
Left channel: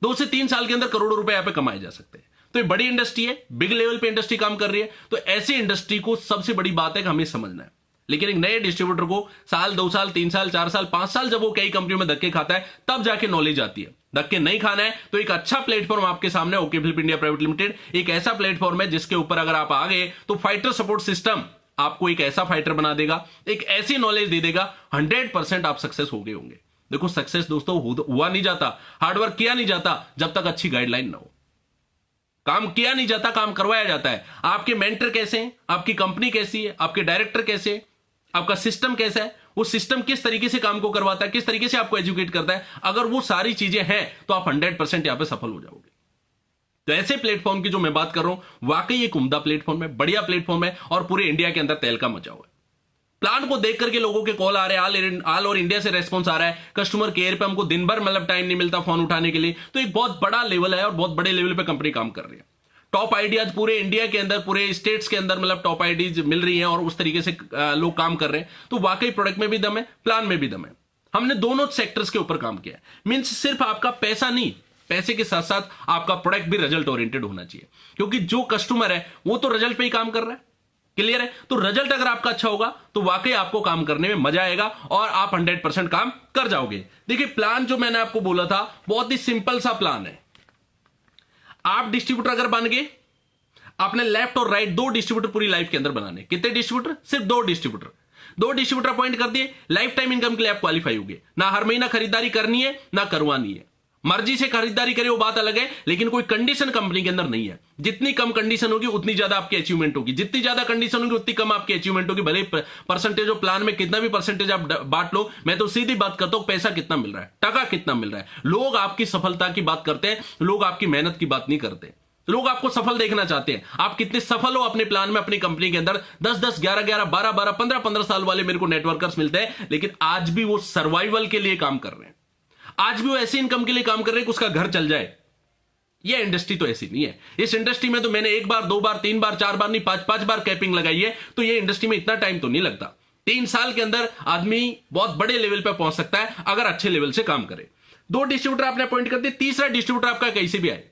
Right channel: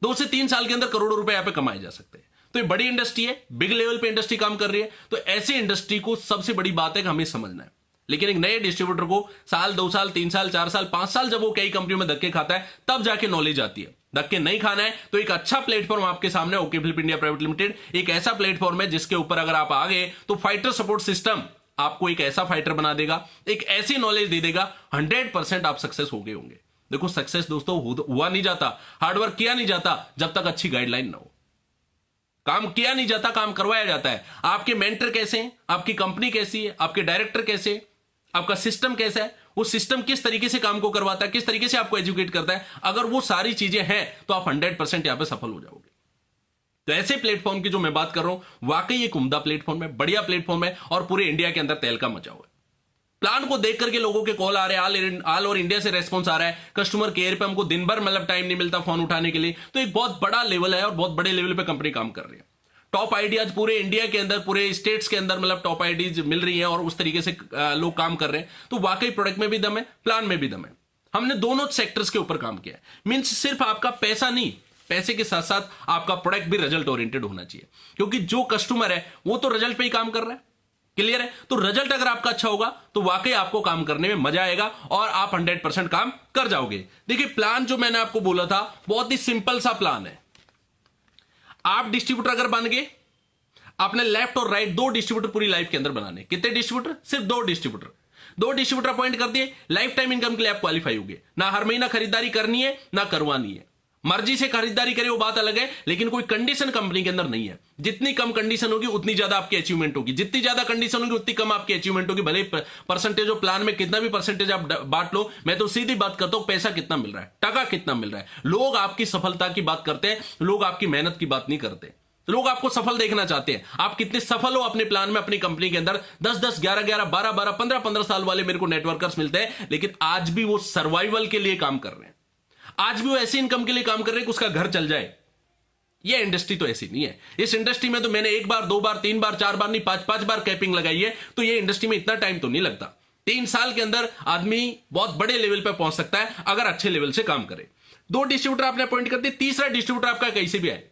2 से 3 साल के अंदर करोड़ों रुपए यहां पे कमाए जा सकते हैं। तो ये बड़ी इंडस्ट्री है, बिग लेवल पे इंडस्ट्री काम कर रही है। तो ऐसी इंडस्ट्री को सबसे बड़ी बात है कि हमें समझना है। लेकिन एक नए डिस्ट्रीब्यूटर को साल 2 साल 3 साल 4 साल 5 साल जब वो कई कंपनियों में धक्के खाता है तब जाके नॉलेज आती है। धक्के नहीं खाना है तो एक अच्छा प्लेटफॉर्म आपके सामने okay flip India private limited एक ऐसा प्लेटफॉर्म है जिसके ऊपर अगर आप आ गए तो फाइटर सपोर्ट सिस्टम आपको एक ऐसा फाइटर बना देगा, एक ऐसी नॉलेज दे देगा, 100% आप सक्सेस हो गए होंगे। देखो सक्सेस दोस्तों हुआ नहीं जाता, हार्डवर्क किया नहीं जाता जब तक अच्छी गाइडलाइन ना हो। काम किया नहीं जाता, काम करवाया जाता है। आपके मेंटर कैसे हैं, आपकी कंपनी कैसी है, आपके डायरेक्टर कैसे हैं, आपका सिस्टम कैसा है, वो सिस्टम किस तरीके से काम को करवाता है, किस तरीके से आपको एजुकेट करता है, अगर वो सारी चीजें हैं तो आप 100% यहां पे सफल हो जाओगे। तो ऐसे प्लेटफॉर्म की जो मैं बात कर रहा हूं वाकई एक उम्दा प्लेटफॉर्म है, बढ़िया प्लेटफॉर्म है और पूरे इंडिया के अंदर तहलका मचा हुआ है। प्लान को देख करके लोगों के कॉल आ रहे हैं, ऑल ओवर इंडिया से रेस्पॉन्स आ रहा है। कस्टमर केयर पे हमको दिन भर मतलब टाइम नहीं मिलता फोन उठाने के लिए। तो एक बहुत बड़ा लेवल है और बहुत बड़े लेवल पे कंपनी काम कर रही है। टॉप आइडियाज पूरे इंडिया के अंदर, पूरे स्टेट्स के अंदर मतलब टॉप आइडियाज मिल रही हैं और उस तरीके से लोग काम कर रहे हैं। तो वाकई प्रोडक्ट में भी दम है, प्लान में भी दम है। हमने दोनों सेक्टर्स के ऊपर काम किया। मींस सिर्फ आपका पैसा नहीं, पैसे के साथ साथ आपका प्रोडक्ट भी रिजल्ट ओरिएंटेड होना चाहिए, क्योंकि जो कस्टमर है वो तो रिजल्ट पे ही काम कर रहा है। क्लियर है? तो रिजल्ट अगर आपका अच्छा होगा तो वाकई आपको काम करने में मजा आएगा और आप 100% काम कर जाओगे। देखिए प्लान जो मैंने आपको बोला था बहुत ही सिंपल सा प्लान है। आप डिस्ट्रीब्यूटर अगर बन गए, आपने लेफ्ट और राइट 2 डिस्ट्रीब्यूटर पूरी लाइफ के अंदर बनाने। कितने डिस्ट्रीब्यूटर? सिर्फ 2 डिस्ट्रीब्यूटर। 2 डिस्ट्रीब्यूटर अपॉइंट कर दिए, लाइफ टाइम इनकम के लिए आप क्वालिफाई होगे। ना हर महीना खरीदारी करनी है ना करवानी है, मर्जी से खरीदारी करे वो बात अलग है, लेकिन कोई कंडीशन कंपनी के अंदर नहीं है। जितनी कम कंडीशन होगी उतनी ज्यादा आपकी अचीवमेंट होगी, जितनी ज्यादा कंडीशन होगी उतनी कम आपकी अचीवमेंट होगी। भले परसेंटेज ऑफ प्लान में कितना भी परसेंटेज आप बांट लो, मैं तो सीधी बात करता हूं पैसा कितना मिल रहा है, टका कितना मिल रहा है। लोग आपकी सफलता की बात करते हैं, लोग आपकी मेहनत की बात नहीं करते। लोग आपको सफल देखना चाहते हैं, आप कितने सफल हो अपने प्लान में, अपनी कंपनी के अंदर। 10-10, 11-11, 12-12, 15-15 साल वाले मेरे को नेटवर्कर्स मिलते हैं, लेकिन आज भी वो सर्वाइवल के लिए काम कर रहे हैं। आज भी वो ऐसी इनकम के लिए काम कर रहे हैं कि उसका घर चल जाए। ये इंडस्ट्री तो ऐसी नहीं है। इस इंडस्ट्री में तो मैंने 1 बार 2 बार 3 बार 4 बार नहीं 5-5 बार कैपिंग लगाई है। तो ये इंडस्ट्री में इतना टाइम तो नहीं लगता। 3 साल के अंदर आदमी बहुत बड़े लेवल पर पहुंच सकता है अगर अच्छे लेवल से काम करे। 2 डिस्ट्रीब्यूटर आपने अपॉइंट कर दिए, तीसरा डिस्ट्रीब्यूटर आपका कैसे भी आए।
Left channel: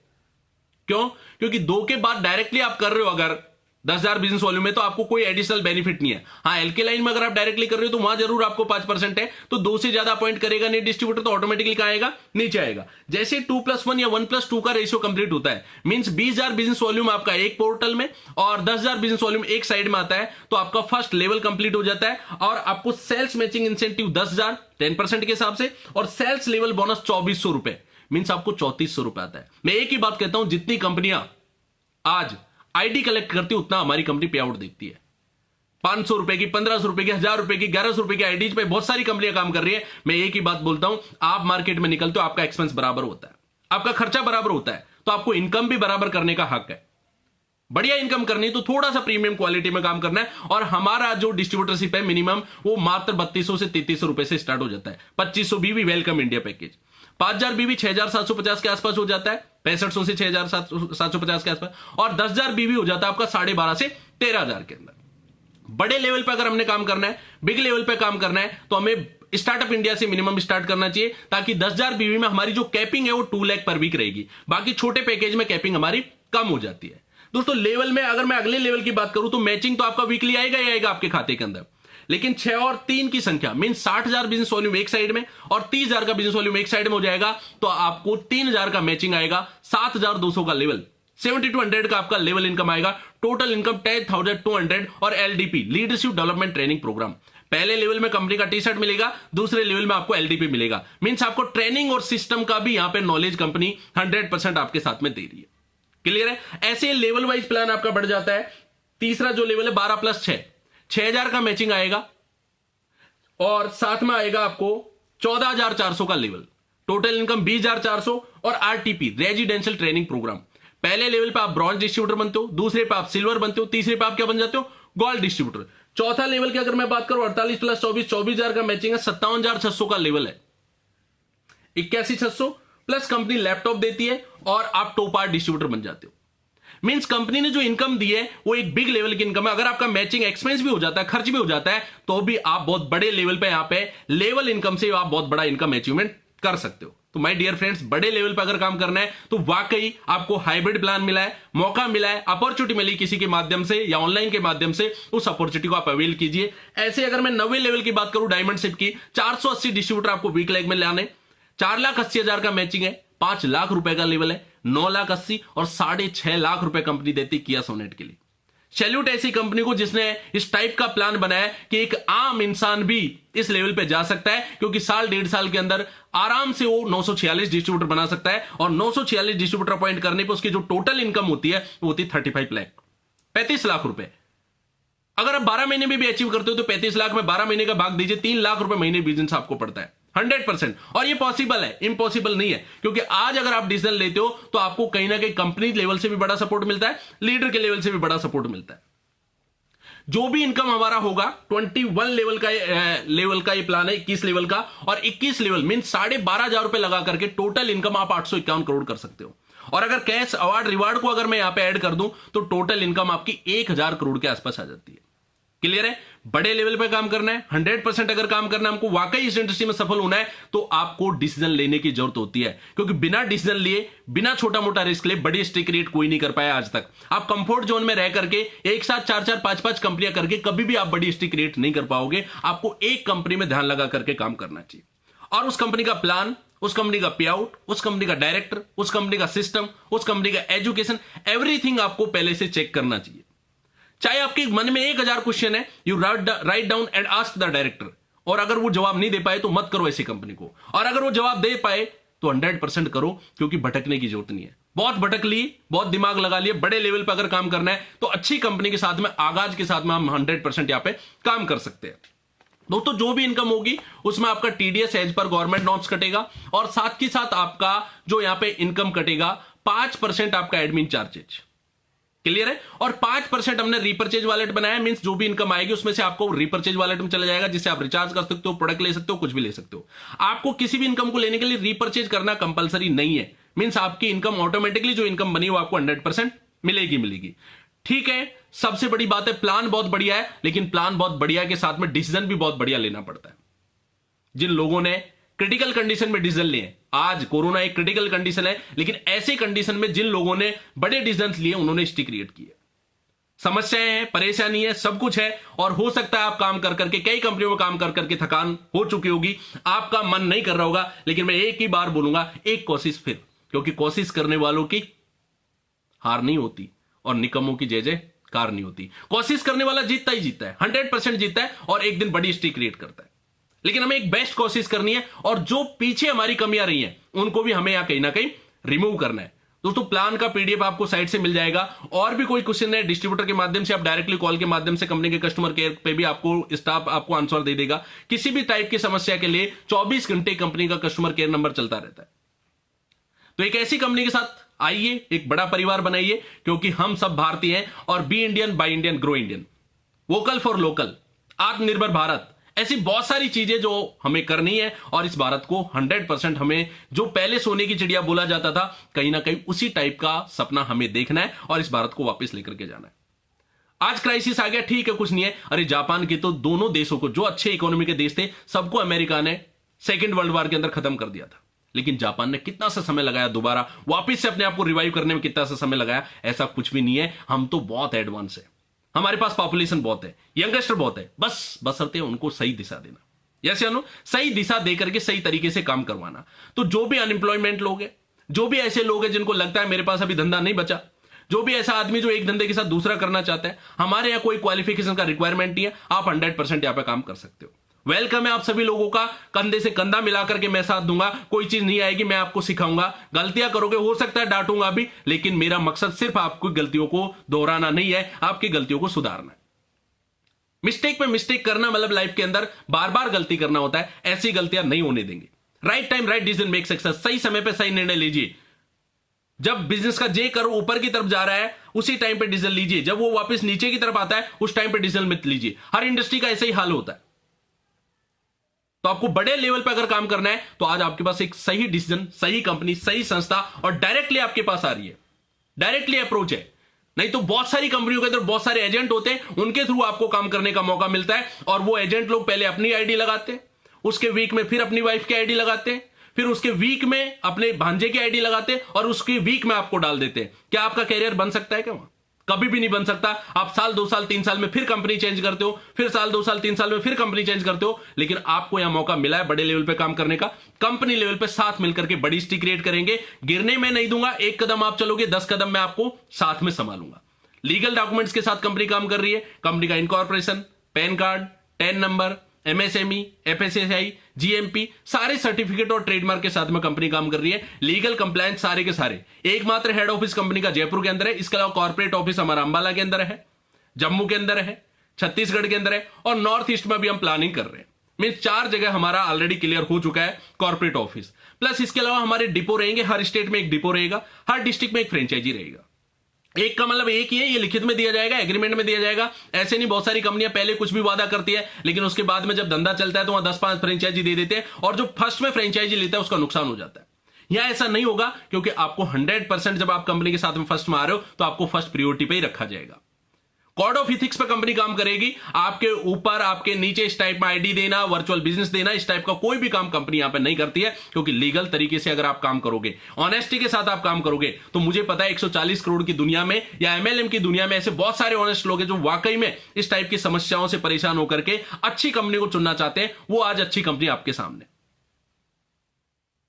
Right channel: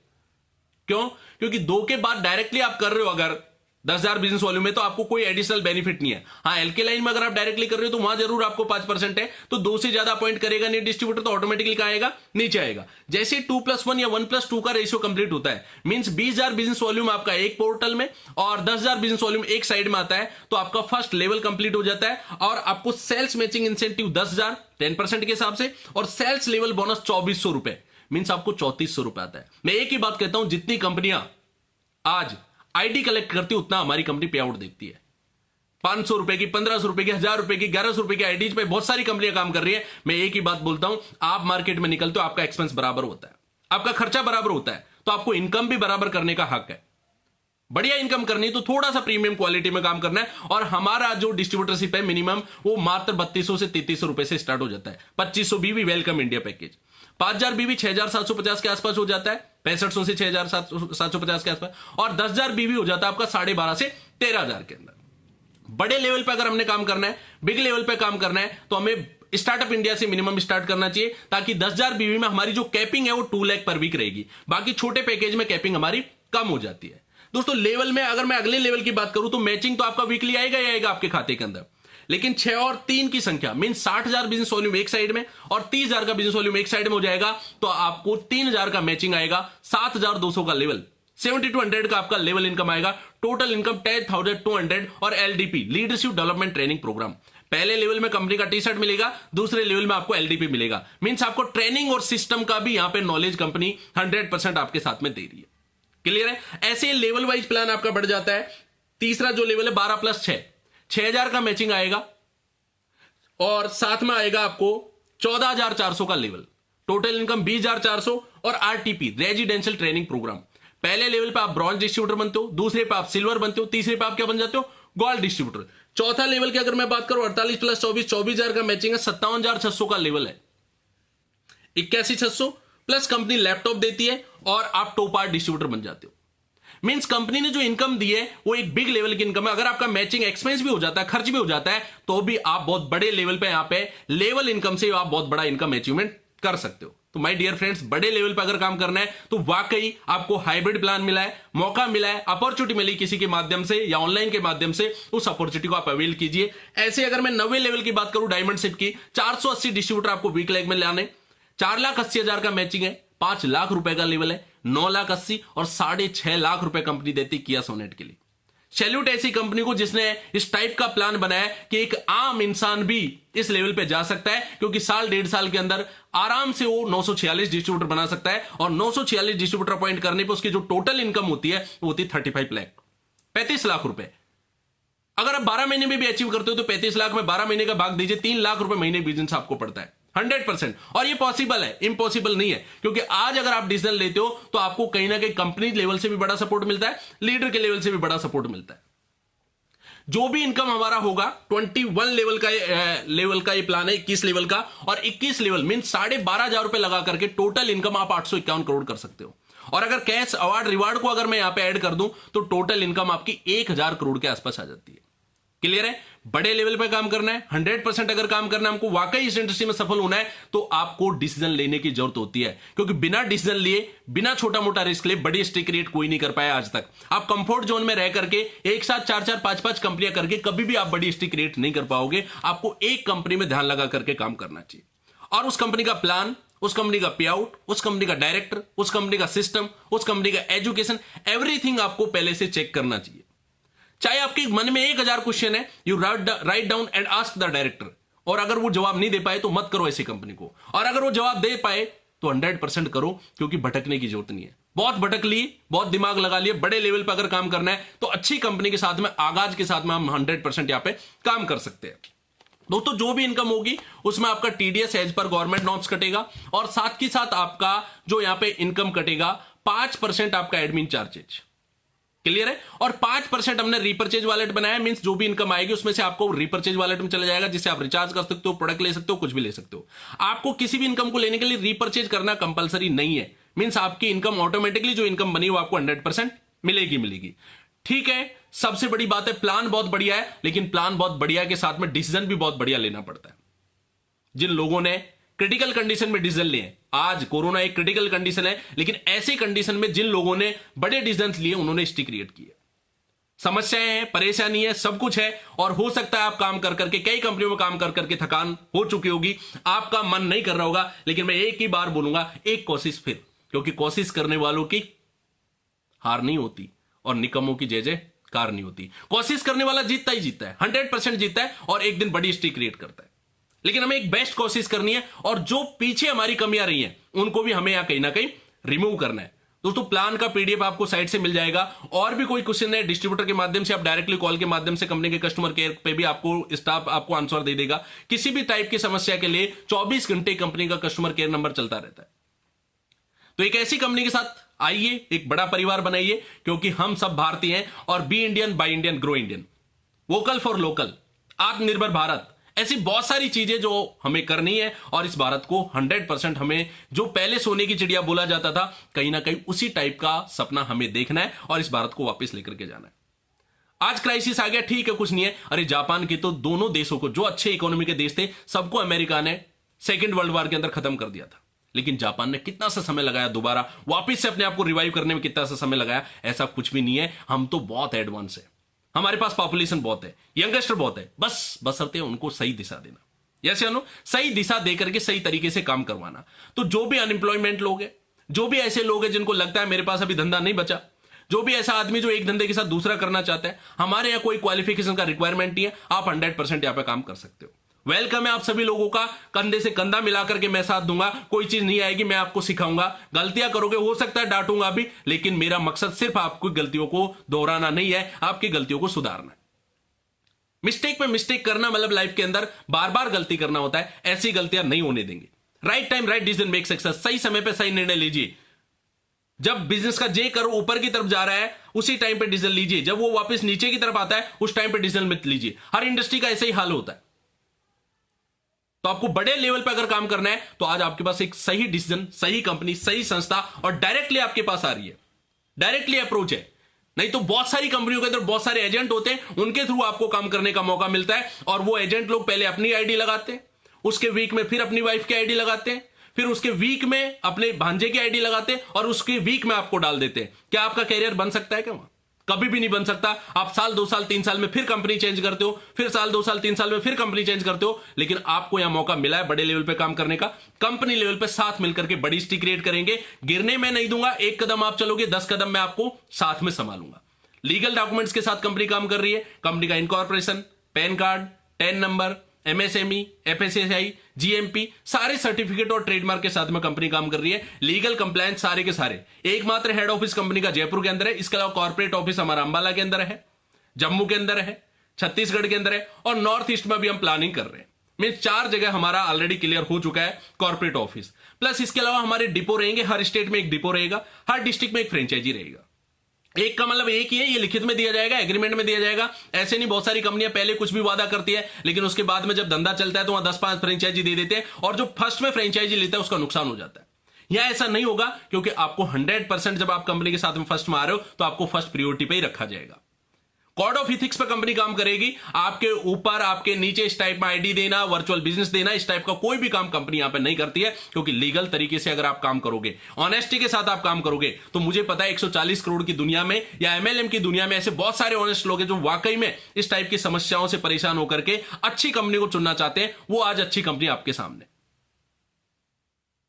क्यों? क्योंकि 2 के बाद डायरेक्टली आप कर रहे हो अगर, 10,000 बिजनेस वॉल्यूम में तो आपको कोई एडिशनल बेनिफिट नहीं है। हाँ, एलके लाइन में अगर आप डायरेक्टली कर रहे हो तो वहां जरूर आपको 5% है, तो 2 से ज्यादा अपॉइंट करेगा नहीं डिस्ट्रीब्यूटर तो ऑटोमेटिकली कहां आएगा, नीचे आएगा। जैसे 2+1 या 1+2 का रेशियो कंप्लीट होता है, मींस 20,000 बिजनेस वॉल्यूम आपका एक पोर्टल में और 10,000 बिजनेस वॉल्यूम एक साइड में आता है, तो आपका फर्स्ट लेवल कंप्लीट हो जाता है और आपको सेल्स मैचिंग इंसेंटिव 10,000 10% के हिसाब से और सेल्स लेवल बोनस 2,400 रुपए, मींस आपको 3,400 रुपए आता है। मैं एक ही बात कहता हूं, जितनी कंपनियां आज आईडी कलेक्ट करती है उतना हमारी कंपनी पे आउट देती है। 500 रुपए की, 1500 रुपए की, 1000 रुपए की, 1100 रुपए की आईडीज पे बहुत सारी कंपनियां काम कर रही है। मैं एक ही बात बोलता हूं, आप मार्केट में निकलते हो, आपका एक्सपेंस बराबर होता है, आपका खर्चा बराबर होता है, तो आपको इनकम भी बराबर करने का हक है। बढ़िया इनकम करनी है तो थोड़ा सा प्रीमियम क्वालिटी में काम करना है। और हमारा जो डिस्ट्रीब्यूटरशिप है मिनिमम वो मात्र 3200 से 3300 रुपए से स्टार्ट हो जाता है। 2500 बीवी वेलकम इंडिया पैकेज, 5,000 बीवी 6,750 के आसपास हो जाता है, 6500 से 6,750 के आसपास, और 10,000 बीवी हो जाता है आपका 12,500 से 13,000 के अंदर। बड़े लेवल पे अगर हमने काम करना है, बिग लेवल पे काम करना है, तो हमें स्टार्टअप इंडिया से मिनिमम स्टार्ट करना चाहिए, ताकि 10,000 बीवी में हमारी जो कैपिंग है वो 2 लाख पर वीक रहेगी। बाकी छोटे पैकेज में कैपिंग हमारी कम हो जाती है। दोस्तों लेवल में अगर मैं अगले लेवल की बात करूं तो मैचिंग तो आपका वीकली आएगा ही आएगा आपके खाते के अंदर, लेकिन 6 और 3 की संख्या मीन 60,000 बिजनेस वॉल्यूम एक साइड में और 30,000 का बिजनेस वॉल्यूम एक साइड में हो जाएगा, तो आपको 3,000 का मैचिंग आएगा, 7,200 का लेवल, 70-100 का आपका लेवल इनकम आएगा, टोटल इनकम 10,200 और LDP leadership development training programme. पहले लेवल में कंपनी का टी शर्ट मिलेगा, दूसरे लेवल में आपको एलडीपी मिलेगा, मींस आपको ट्रेनिंग और सिस्टम का भी यहां पे नॉलेज कंपनी 100% आपके साथ में दे रही है। क्लियर है? ऐसे लेवल वाइज प्लान आपका बढ़ जाता है। तीसरा जो लेवल है 12+6, 6,000 का मैचिंग आएगा और साथ में आएगा आपको 14,400 का लेवल, टोटल इनकम 20,400 और आरटीपी रेजिडेंशियल ट्रेनिंग प्रोग्राम। पहले लेवल पे आप ब्रॉन्ज डिस्ट्रीब्यूटर बनते हो, दूसरे पे आप सिल्वर बनते हो, तीसरे पे आप क्या बन जाते हो, गोल्ड डिस्ट्रीब्यूटर। चौथा लेवल की अगर मैं बात करूं 48+24, 24,000 का मैचिंग है, 57,600 का लेवल है, 81,600 प्लस कंपनी लैपटॉप देती है और आप टॉप आर्ट डिस्ट्रीब्यूटर बन जाते हो। मींस कंपनी ने जो इनकम दी है वो एक बिग लेवल की इनकम है। अगर आपका मैचिंग एक्सपेंस भी हो जाता है, खर्च भी हो जाता है, तो भी आप बहुत बड़े लेवल पे यहां पे लेवल इनकम से आप बहुत बड़ा इनकम अचीवमेंट कर सकते हो। तो माय डियर फ्रेंड्स, बड़े लेवल पे अगर काम करना है तो वाकई आपको हाइब्रिड प्लान मिला है, मौका मिला है, अपॉर्चुनिटी मिली किसी के माध्यम से या ऑनलाइन के माध्यम से, उस अपॉर्चुनिटी को आप अवेल कीजिए। ऐसे अगर मैं 90 लेवल की बात करूं डायमंड शिप की, 480 डिस्ट्रीब्यूटर आपको वीक लेग में लाने, 4,80,000 का मैचिंग है, 5 लाख रुपए का लेवल है, 9,80,000 और 6.5 लाख रुपए कंपनी देती किया सोनेट के लिए। सैल्यूट ऐसी कंपनी को जिसने इस टाइप का प्लान बनाया कि एक आम इंसान भी इस लेवल पे जा सकता है, क्योंकि साल 1.5 साल के अंदर आराम से वो 946 डिस्ट्रीब्यूटर बना सकता है और 946 डिस्ट्रीब्यूटर अपॉइंट करने पे उसकी जो टोटल इनकम होती है वो होती है 35 लाख, 35 लाख रुपए। अगर आप 12 महीने में भी अचीव करते हो तो 35 लाख में 12 महीने का भाग दीजिए, 3 लाख रुपए महीने बिजनेस आपको पड़ता है 100%। और ये पॉसिबल है, इम्पॉसिबल नहीं है, क्योंकि आज अगर आप डिसीजन लेते हो तो आपको कहीं ना कहीं कंपनी लेवल से भी बड़ा सपोर्ट मिलता है, लीडर के लेवल से भी बड़ा सपोर्ट मिलता है। जो भी इनकम हमारा होगा 21 लेवल का ये प्लान है, 21 लेवल का, और 21 लेवल मीन 12,500 रुपए लगा करके टोटल इनकम आप 851 करोड़ कर सकते हो। और अगर कैश अवार्ड रिवार्ड को अगर मैं यहां पे ऐड कर दूं तो टोटल इनकम आपकी 1,000 करोड़ के आसपास आ जाती है। क्लियर है? बड़े लेवल पे काम करना है, 100% अगर काम करना है, हमको वाकई इस इंडस्ट्री में सफल होना है, तो आपको डिसीजन लेने की जरूरत होती है, क्योंकि बिना डिसीजन लिए, बिना छोटा मोटा रिस्क लिए बड़ी हिस्ट्री क्रिएट कोई नहीं कर पाया आज तक। आप कंफर्ट जोन में रह करके एक साथ 4-4, 5-5 कंपनियां करके कभी भी आप बड़ी हिस्ट्री क्रिएट नहीं कर पाओगे। आपको एक कंपनी में ध्यान लगा करके काम करना चाहिए और उस कंपनी का प्लान, उस कंपनी का पे आउट, उस कंपनी का डायरेक्टर, उस कंपनी का सिस्टम, उस कंपनी का एजुकेशन, एवरीथिंग आपको पहले से चेक करना चाहिए। चाहे आपके मन में 1,000 क्वेश्चन है, you write down and ask the director, और अगर वो जवाब नहीं दे पाए तो मत करो ऐसी कंपनी को, और अगर वो जवाब दे पाए तो 100% करो, क्योंकि भटकने की जरूरत नहीं है। बहुत भटक लिए, बहुत दिमाग लगा लिए, बड़े लेवल पर अगर काम करना है तो अच्छी कंपनी के साथ में, आगाज के साथ में हम 100% यहां पे काम कर सकते हैं। दोस्तों जो भी इनकम होगी उसमें आपका TDS as per government norms कटेगा, और साथ ही साथ आपका जो यहां पे इनकम कटेगा 5% आपका एडमिन चार्जेज। क्लियर है? और 5% हमने रीपर्चेज वॉलेट बनाया, मींस जो भी इनकम आएगी उसमें से आपको रीपर्चेज वॉलेट में चला जाएगा, जिससे आप रिचार्ज कर सकते हो, प्रोडक्ट ले सकते हो, कुछ भी ले सकते हो। आपको किसी भी इनकम को लेने के लिए रीपर्चेज करना कंपलसरी नहीं है, मींस आपकी इनकम ऑटोमेटिकली जो इनकम बनी वो आपको 100% मिलेगी। ठीक है, सबसे बड़ी बात है प्लान बहुत बढ़िया है, लेकिन प्लान बहुत बढ़िया के साथ में डिसीजन भी बहुत बढ़िया लेना पड़ता है। जिन लोगों ने क्रिटिकल कंडीशन में डिसीजन लिए, आज कोरोना एक क्रिटिकल कंडीशन है, लेकिन ऐसे कंडीशन में जिन लोगों ने बड़े डिसीजन लिए उन्होंने हिस्ट्री क्रिएट की है। समस्याएं हैं, परेशानी है, सब कुछ है। और हो सकता है आप काम कर करके, कई कंपनियों में काम कर करके थकान हो चुकी होगी, आपका मन नहीं कर रहा होगा। लेकिन मैं एक ही बार बोलूंगा, एक कोशिश फिर, क्योंकि कोशिश करने वालों की हार नहीं होती और निकम्मों की जय जयकार नहीं होती। कोशिश करने वाला जीतता ही जीतता है, 100% जीतता है और एक दिन बड़ी हिस्ट्री क्रिएट करता है। लेकिन हमें एक बेस्ट कोशिश करनी है और जो पीछे हमारी कमियां रही हैं उनको भी हमें यहां कहीं ना कहीं रिमूव करना है। दोस्तों प्लान का पीडीएफ आपको साइट से मिल जाएगा। और भी कोई क्वेश्चन है डिस्ट्रीब्यूटर के माध्यम से, आप डायरेक्टली कॉल के माध्यम से कंपनी के कस्टमर केयर पे भी आपको स्टाफ आपको आंसर दे देगा। किसी भी टाइप की समस्या के लिए 24 घंटे कंपनी का कस्टमर केयर नंबर चलता रहता है। तो एक ऐसी कंपनी के साथ आइए, एक बड़ा परिवार बनाइए, क्योंकि हम सब भारतीय हैं। और be Indian, buy Indian, grow Indian, vocal for local, Atmanirbhar Bharat, ऐसी बहुत सारी चीजें जो हमें करनी है। और इस भारत को 100% हमें, जो पहले सोने की चिड़िया बोला जाता था, कहीं ना कहीं उसी टाइप का सपना हमें देखना है और इस भारत को वापस लेकर के जाना है। आज क्राइसिस आ गया, ठीक है, कुछ नहीं है। अरे जापान के तो दोनों देशों को, जो अच्छे इकोनॉमी के देश थे, सबको अमेरिका ने सेकेंड वर्ल्ड वॉर के अंदर खत्म कर दिया था। लेकिन जापान ने कितना सा समय लगाया दोबारा वापस से अपने आप को रिवाइव करने में, कितना सा समय लगाया? ऐसा कुछ भी नहीं है। हम तो बहुत एडवांस है, हमारे पास पॉपुलेशन बहुत है, यंगस्टर बहुत है, बस बसरते उनको सही दिशा देना। यस या नो? सही दिशा देकर के सही तरीके से काम करवाना। तो जो भी अनएम्प्लॉयमेंट लोग हैं, जो भी ऐसे लोग हैं जिनको लगता है मेरे पास अभी धंधा नहीं बचा, जो भी ऐसा आदमी जो एक धंधे के साथ दूसरा करना चाहता है, हमारे यहां कोई क्वालिफिकेशन का रिक्वायरमेंट नहीं है, आप 100% यहां पे काम कर सकते हो। वेलकम है आप सभी लोगों का, कंधे से कंधा मिलाकर के मैं साथ दूंगा। कोई चीज नहीं आएगी, मैं आपको सिखाऊंगा, गलतियां करोगे, हो सकता है डांटूंगा भी, लेकिन मेरा मकसद सिर्फ आपकी गलतियों को दोहराना नहीं है, आपकी गलतियों को सुधारना है। मिस्टेक पे मिस्टेक करना मतलब लाइफ के अंदर बार बार गलती करना होता है, ऐसी गलतियां नहीं होने देंगे। Right time right decision make success, सही समय पे सही निर्णय लीजिए। जब बिजनेस का जे करो ऊपर की तरफ जा रहा है, उसी टाइम पे डिसीजन लीजिए। जब वो वापस नीचे की तरफ आता है, उस टाइम पे डिसीजन मत लीजिए। हर इंडस्ट्री का ऐसा ही हाल होता है। तो आपको बड़े लेवल पर अगर काम करना है, तो आज आपके पास एक सही डिसीजन, सही कंपनी, सही संस्था और डायरेक्टली आपके पास आ रही है, डायरेक्टली अप्रोच है। नहीं तो बहुत सारी कंपनियों के अंदर बहुत सारे एजेंट होते हैं, उनके थ्रू आपको काम करने का मौका मिलता है। और वो एजेंट लोग पहले अपनी आईडी लगाते हैं, उसके वीक में फिर अपनी वाइफ की आईडी लगाते हैं, फिर उसके वीक में अपने भांजे की आईडी लगाते हैं और उसके वीक में आपको डाल देते हैं। क्या आपका कैरियर बन सकता है? क्या वहां कभी भी नहीं बन सकता। आप साल 2 साल 3 साल में फिर कंपनी चेंज करते हो, फिर साल 2 साल 3 साल में फिर कंपनी चेंज करते हो। लेकिन आपको यहां मौका मिला है बड़े लेवल पे काम करने का। कंपनी लेवल पे साथ मिलकर के बड़ी हिस्ट्री क्रिएट करेंगे। गिरने में नहीं दूंगा, एक कदम आप चलोगे, 10 कदम मैं आपको साथ में संभालूंगा। लीगल डॉक्यूमेंट्स के साथ कंपनी काम कर रही है। कंपनी का incorporation, pan card, ten number, MSME, FSSI, GMP, सारे सर्टिफिकेट और ट्रेडमार्क के साथ में कंपनी काम कर रही है। लीगल कंप्लायंस सारे के सारे। एकमात्र हेड ऑफिस कंपनी का जयपुर के अंदर है। इसके अलावा कॉर्पोरेट ऑफिस हमारा अंबाला के अंदर है, जम्मू के अंदर है, छत्तीसगढ़ के अंदर है और नॉर्थ ईस्ट में भी हम प्लानिंग कर रहे हैं। मीन 4 जगह हमारा ऑलरेडी क्लियर हो चुका है कॉर्पोरेट ऑफिस। प्लस इसके अलावा हमारे डिपो रहेंगे, हर स्टेट में एक डिपो रहेगा, हर डिस्ट्रिक्ट में एक फ्रेंचाइजी रहेगा। एक का मतलब एक ही है, ये लिखित में दिया जाएगा, एग्रीमेंट में दिया जाएगा। ऐसे नहीं, बहुत सारी कंपनियां पहले कुछ भी वादा करती है, लेकिन उसके बाद में जब धंधा चलता है तो वहां 10-5 फ्रेंचाइजी दे देते हैं और जो फर्स्ट में फ्रेंचाइजी लेता है उसका नुकसान हो जाता है। यहां ऐसा नहीं होगा, क्योंकि आपको 100% जब आप कंपनी के साथ में फर्स्ट में आ रहे हो तो आपको फर्स्ट प्रायोरिटी पे ही रखा जाएगा। कोड ऑफ इथिक्स पर कंपनी काम करेगी। आपके ऊपर आपके नीचे इस टाइप में आईडी देना, वर्चुअल बिजनेस देना, इस टाइप का कोई भी काम कंपनी यहां पे नहीं करती है। क्योंकि लीगल तरीके से अगर आप काम करोगे, ऑनेस्टी के साथ आप काम करोगे, तो मुझे पता है 140 करोड़ की दुनिया में या एमएलएम की दुनिया में ऐसे बहुत सारे ऑनेस्ट लोग हैं जो वाकई में इस टाइप की समस्याओं से परेशान होकर के अच्छी कंपनी को चुनना चाहते हैं। वो आज अच्छी कंपनी आपके सामने।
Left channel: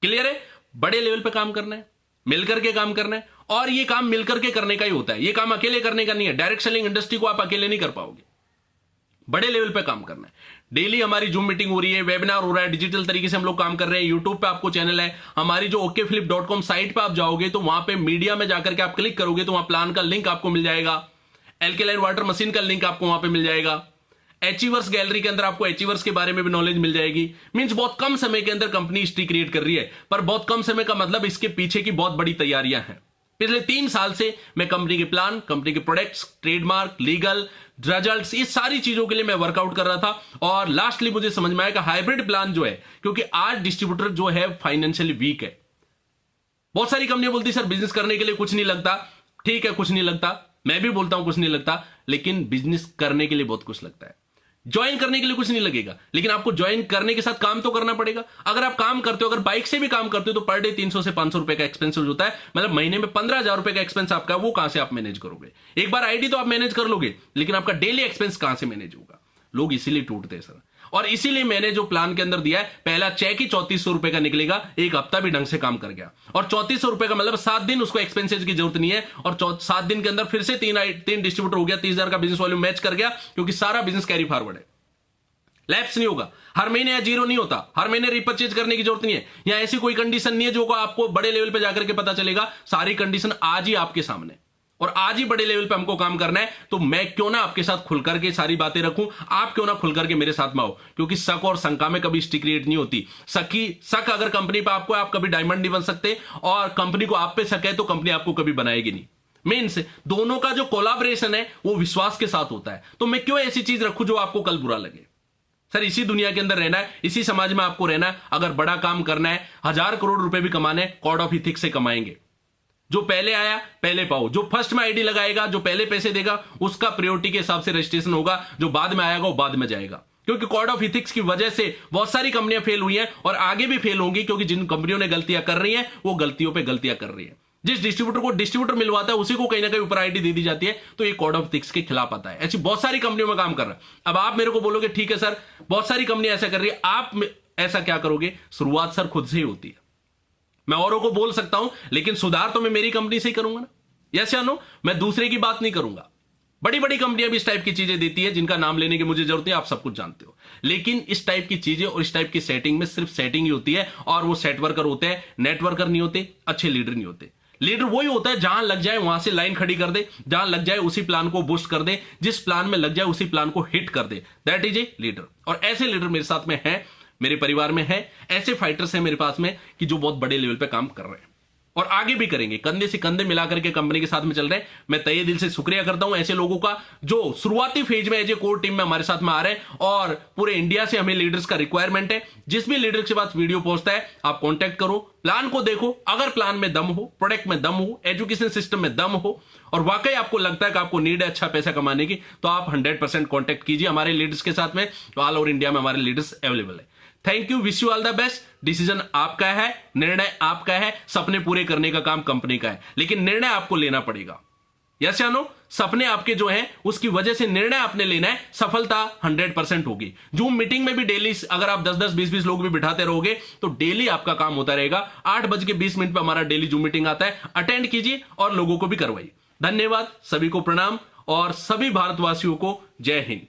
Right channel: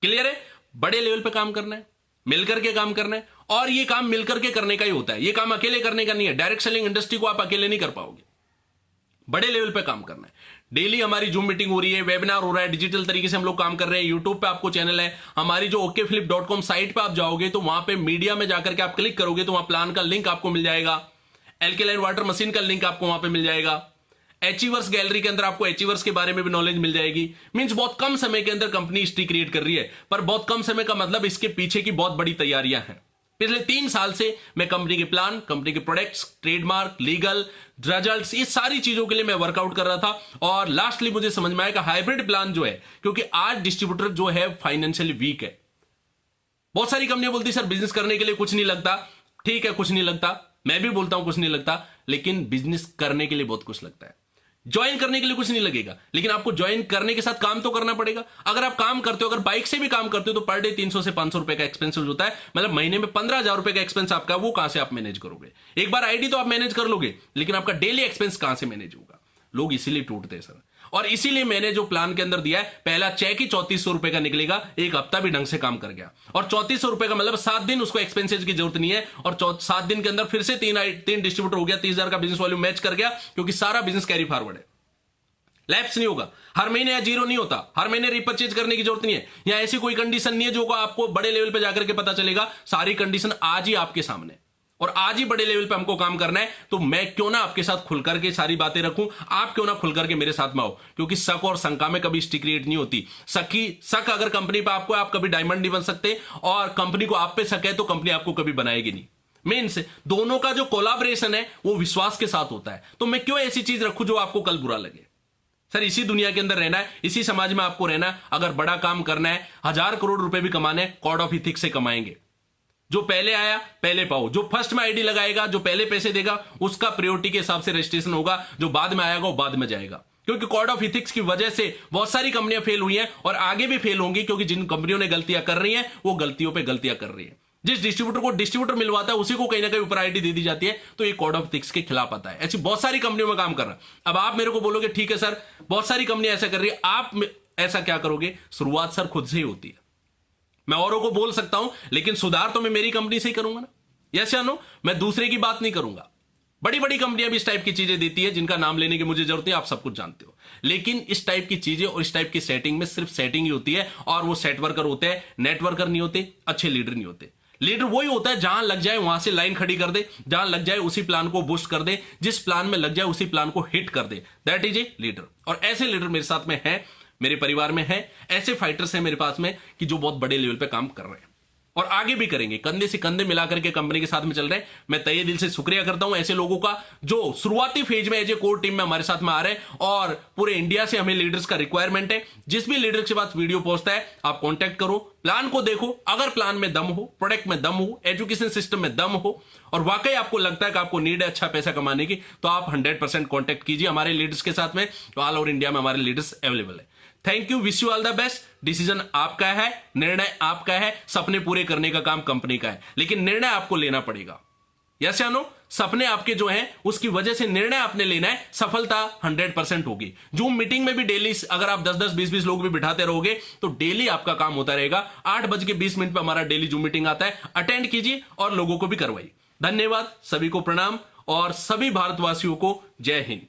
क्लियर है? बड़े लेवल पे काम करना है, मिलकर के काम करना है और ये काम मिलकर के करने का ही होता है। ये काम अकेले करने का नहीं है। डायरेक्ट सेलिंग इंडस्ट्री को आप अकेले नहीं कर पाओगे। बड़े लेवल पे काम करना है। डेली हमारी जूम मीटिंग हो रही है, वेबिनार हो रहा है, डिजिटल तरीके से हम लोग काम कर रहे हैं। यूट्यूब पे आपको चैनल है। हमारी जो okflip.com साइट पे आप जाओगे तो वहां पे मीडिया में जाकर के आप क्लिक करोगे तो वहां प्लान का लिंक आपको मिल जाएगा। एल्केलाइन वाटर मशीन का लिंक आपको वहां पे मिल जाएगा। एचीवर्स गैलरी के अंदर आपको एचीवर्स के बारे में भी नॉलेज मिल जाएगी। मींस बहुत कम समय के अंदर कंपनी हिस्ट्री क्रिएट कर रही है, पर बहुत कम समय का मतलब इसके पीछे की बहुत बड़ी तैयारियां हैं। पिछले 3 साल से मैं कंपनी के प्लान, कंपनी के प्रोडक्ट्स, ट्रेडमार्क, लीगल, रिजल्ट्स, ये सारी चीजों के लिए मैं वर्कआउट कर रहा था। और लास्टली मुझे समझ में आया कि हाइब्रिड प्लान जो है, क्योंकि आज डिस्ट्रीब्यूटर जो है फाइनेंशियली वीक है। बहुत सारी कंपनियां बोलती सर बिजनेस करने के लिए कुछ नहीं लगता। ठीक है, कुछ नहीं लगता, मैं भी बोलता हूं कुछ नहीं लगता, लेकिन बिजनेस करने के लिए बहुत कुछ लगता है। ज्वाइन करने के लिए कुछ नहीं लगेगा, लेकिन आपको ज्वाइन करने के साथ काम तो करना पड़ेगा। अगर आप काम करते हो, अगर बाइक से भी काम करते हो, तो पर डे 300 से 500 रुपए का एक्सपेंस होता है, मतलब महीने में 15,000 रुपए का एक्सपेंस आपका, वो कहां से आप मैनेज करोगे? एक बार आईडी तो आप मैनेज कर लोगे, लेकिन आपका डेली एक्सपेंस कहां से मैनेज होगा? लोग इसीलिए टूटते हैं सर। और इसीलिए मैंने जो प्लान के अंदर दिया है, पहला चेक ही 3400 रुपए का निकलेगा, एक हफ्ता भी ढंग से काम कर गया। और 3400 रुपए का मतलब 7 दिन उसको एक्सपेंसेस की जरूरत नहीं है, और 7 दिन के अंदर फिर से तीन डिस्ट्रीब्यूटर हो गया, 30,000 का बिजनेस वॉल्यूम मैच कर गया, क्योंकि सारा बिजनेस कैरी फॉरवर्ड है। लैप्स नहीं होगा, हर महीने या जीरो नहीं होता, हर महीने रिपर्चेज करने की जरूरत नहीं है। या ऐसी कोई कंडीशन नहीं है जो आपको बड़े लेवल पे जाकर के पता चलेगा। सारी कंडीशन आज ही आपके सामने, और आज ही बड़े लेवल पे हमको काम करना है। तो मैं क्यों ना आपके साथ खुल करके सारी बातें रखूं, आप क्यों ना खुल करके मेरे साथ में आओ, क्योंकि शक और शंका में कभी स्टिक क्रिएट नहीं होती। शक अगर कंपनी पे आपको, आप कभी डायमंड नहीं बन सकते, और कंपनी को आप पे शक है तो कंपनी आपको कभी बनाएगी नहीं। मीन्स दोनों का जो कोलैबोरेशन है वो विश्वास के साथ होता है। तो मैं क्यों ऐसी चीज रखूं जो आपको कल बुरा लगे? सर, इसी दुनिया के अंदर रहना है, इसी समाज में आपको रहना है। अगर बड़ा काम करना है, 1000 करोड़ रुपए भी कमाने, कोड ऑफ इथिक्स से कमाएंगे। जो पहले आया पहले पाओ, जो फर्स्ट में आईडी लगाएगा, जो पहले पैसे देगा, उसका प्रायोरिटी के हिसाब से रजिस्ट्रेशन होगा, जो बाद में आएगा वो बाद में जाएगा। क्योंकि कोड ऑफ इथिक्स की वजह से बहुत सारी कंपनियां फेल हुई हैं, और आगे भी फेल होंगी, क्योंकि जिन कंपनियों ने गलतियां कर रही हैं वो गलतियों पे गलतियां कर रही है। जिस डिस्ट्रीब्यूटर को डिस्ट्रीब्यूटर मिलवाता है, उसी को कहीं ना कहीं ऊपर आईडी दे दी जाती है, तो ये कोड ऑफ इथिक्स के खिलाफ आता है। ऐसी बहुत सारी कंपनियों में काम कर रहा है। अब आप मेरे को बोलोगे ठीक है सर, बहुत सारी कंपनियां ऐसा कर रही है, आप ऐसा क्या करोगे? शुरुआत सर खुद से ही होती है। मैं औरों को बोल सकता हूं, लेकिन सुधार तो मैं मेरी कंपनी से ही करूंगा ना। यस या नो? मैं दूसरे की बात नहीं करूंगा। बड़ी बड़ी कंपनियां भी इस टाइप की चीजें देती है, जिनका नाम लेने की मुझे जरूरत नहीं, आप सब कुछ जानते हो। लेकिन इस टाइप की चीजें और इस टाइप की सेटिंग में सिर्फ सेटिंग ही होती है, और वो सेट वर्कर होते हैं, नेटवर्कर नहीं होते, अच्छे लीडर नहीं होते। लीडर वही होता है जहां लग जाए वहां से लाइन खड़ी कर दे, जहां लग जाए उसी प्लान को बूस्ट कर दे, जिस प्लान में लग जाए उसी प्लान को हिट कर दे। That is a leader. और ऐसे लीडर मेरे साथ में है, मेरे परिवार में है, ऐसे फाइटर्स हैं मेरे पास में कि जो बहुत बड़े लेवल पे काम कर रहे हैं और आगे भी करेंगे, कंधे से कंधे मिलाकर के कंपनी के साथ में चल रहे हैं। मैं तहे दिल से शुक्रिया करता हूं ऐसे लोगों का जो शुरुआती फेज में एज ए कोर टीम में हमारे साथ में आ रहे हैं, और पूरे इंडिया से हमें लीडर्स का रिक्वायरमेंट है। जिस भी लीडर के पास वीडियो पहुंचता है, आप कांटेक्ट करो, प्लान को देखो। अगर प्लान में दम हो, प्रोडक्ट में दम हो, एजुकेशन सिस्टम में दम हो, और वाकई आपको लगता है कि आपको नीड है अच्छा पैसा कमाने की, तो आप 100% कांटेक्ट कीजिए हमारे लीडर्स के साथ में। तो ऑल ओवर इंडिया में हमारे लीडर्स अवेलेबल है। Thank you, wish you all the best. Decision आपका है, निर्णय आपका है, सपने पूरे करने का काम कंपनी का है, लेकिन निर्णय आपको लेना पड़ेगा। यस या नो? सपने आपके जो हैं उसकी वजह से निर्णय आपने लेना है, सफलता 100% होगी। जूम मीटिंग में भी डेली अगर आप 10-10, 20-20 लोग भी बिठाते रहोगे तो डेली आपका काम होता रहेगा। 8:20 पे हमारा डेली जूम मीटिंग आता है, अटेंड कीजिए और लोगों को भी करवाइए। धन्यवाद, सभी को प्रणाम, और सभी भारतवासियों को जय हिंद।